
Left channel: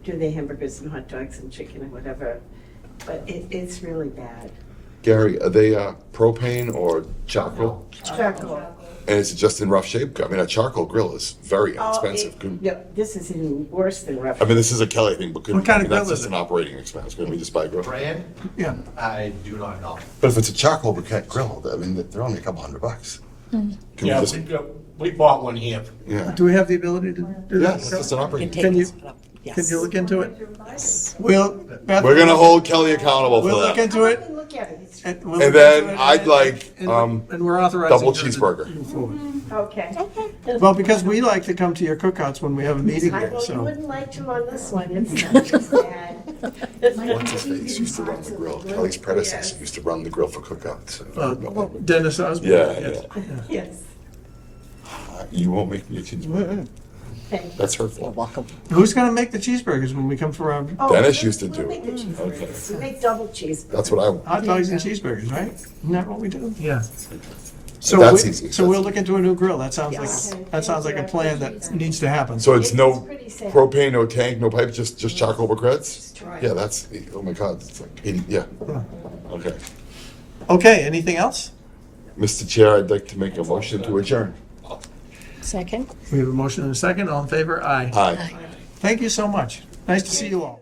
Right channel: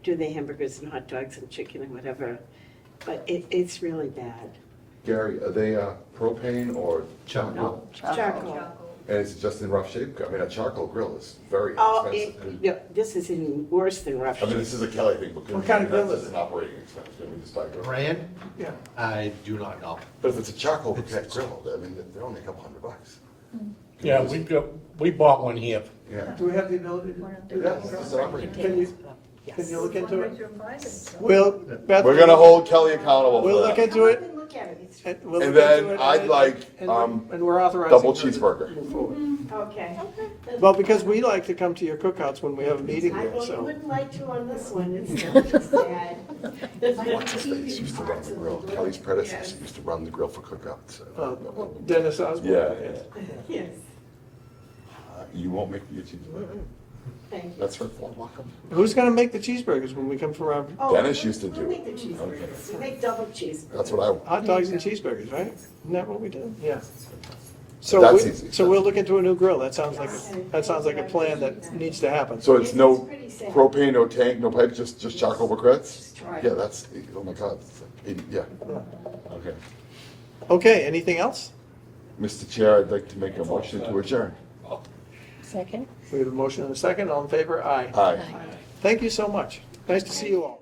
do the hamburgers and hot dogs and chicken and whatever. But it's really bad. Gary, are they propane or charcoal? Charcoal. And is it just in rough shape? I mean, a charcoal grill is very inexpensive. This is even worse than rough. I mean, this is a Kelly thing, but What kind of grill that's is just it? an operating expense, couldn't we just buy a grill? Brand, Yeah. I do not know. But if it's a charcoal briquette grill, I mean, they're only a couple $100. Can we Yeah, just, we bought one here. yeah. Do we have the ability to do Yeah, that? it's just an operating. Take Can you- this up. Can Yes. you look into it? We'll, Beth? We're gonna hold Kelly accountable We'll for look that. into it. Even look at it. It's- And we'll And look into then it, I'd like, and we're authorizing. double her to cheeseburger. move forward. Okay. Well, because we like to come to your cookouts when we have a meeting I there, well, you so. wou't like to on this one, it's just bad. What's his face used to run the grill? Kelly's predecessor used to run the grill for cookouts. Dennis Osborne. Yeah, yes. Yes, You won't make me a cheeseburger. thank you. That's her You're fault. welcome. Who's gonna make the cheeseburgers when we come for our Oh, Dennis used to we'll do make the it. cheeseburgers. We make double cheeseburgers. That's what I want. hot dogs and cheeseburgers, right? Isn't that what we do? Yeah. That's easy. So we'll look into a new grill. That sounds Yes. like a plan that needs to happen. So it's no pretty sad. propane, no tank, no pipe, just charcoal briquettes? Yeah, that's, oh my God, it's like 80, yeah. Okay. Okay, anything else? Mr. Chair, I'd like to make a motion to adjourn. Second? We have a motion and a second. All in favor? Aye. Aye. Thank you so much. Nice to see you all.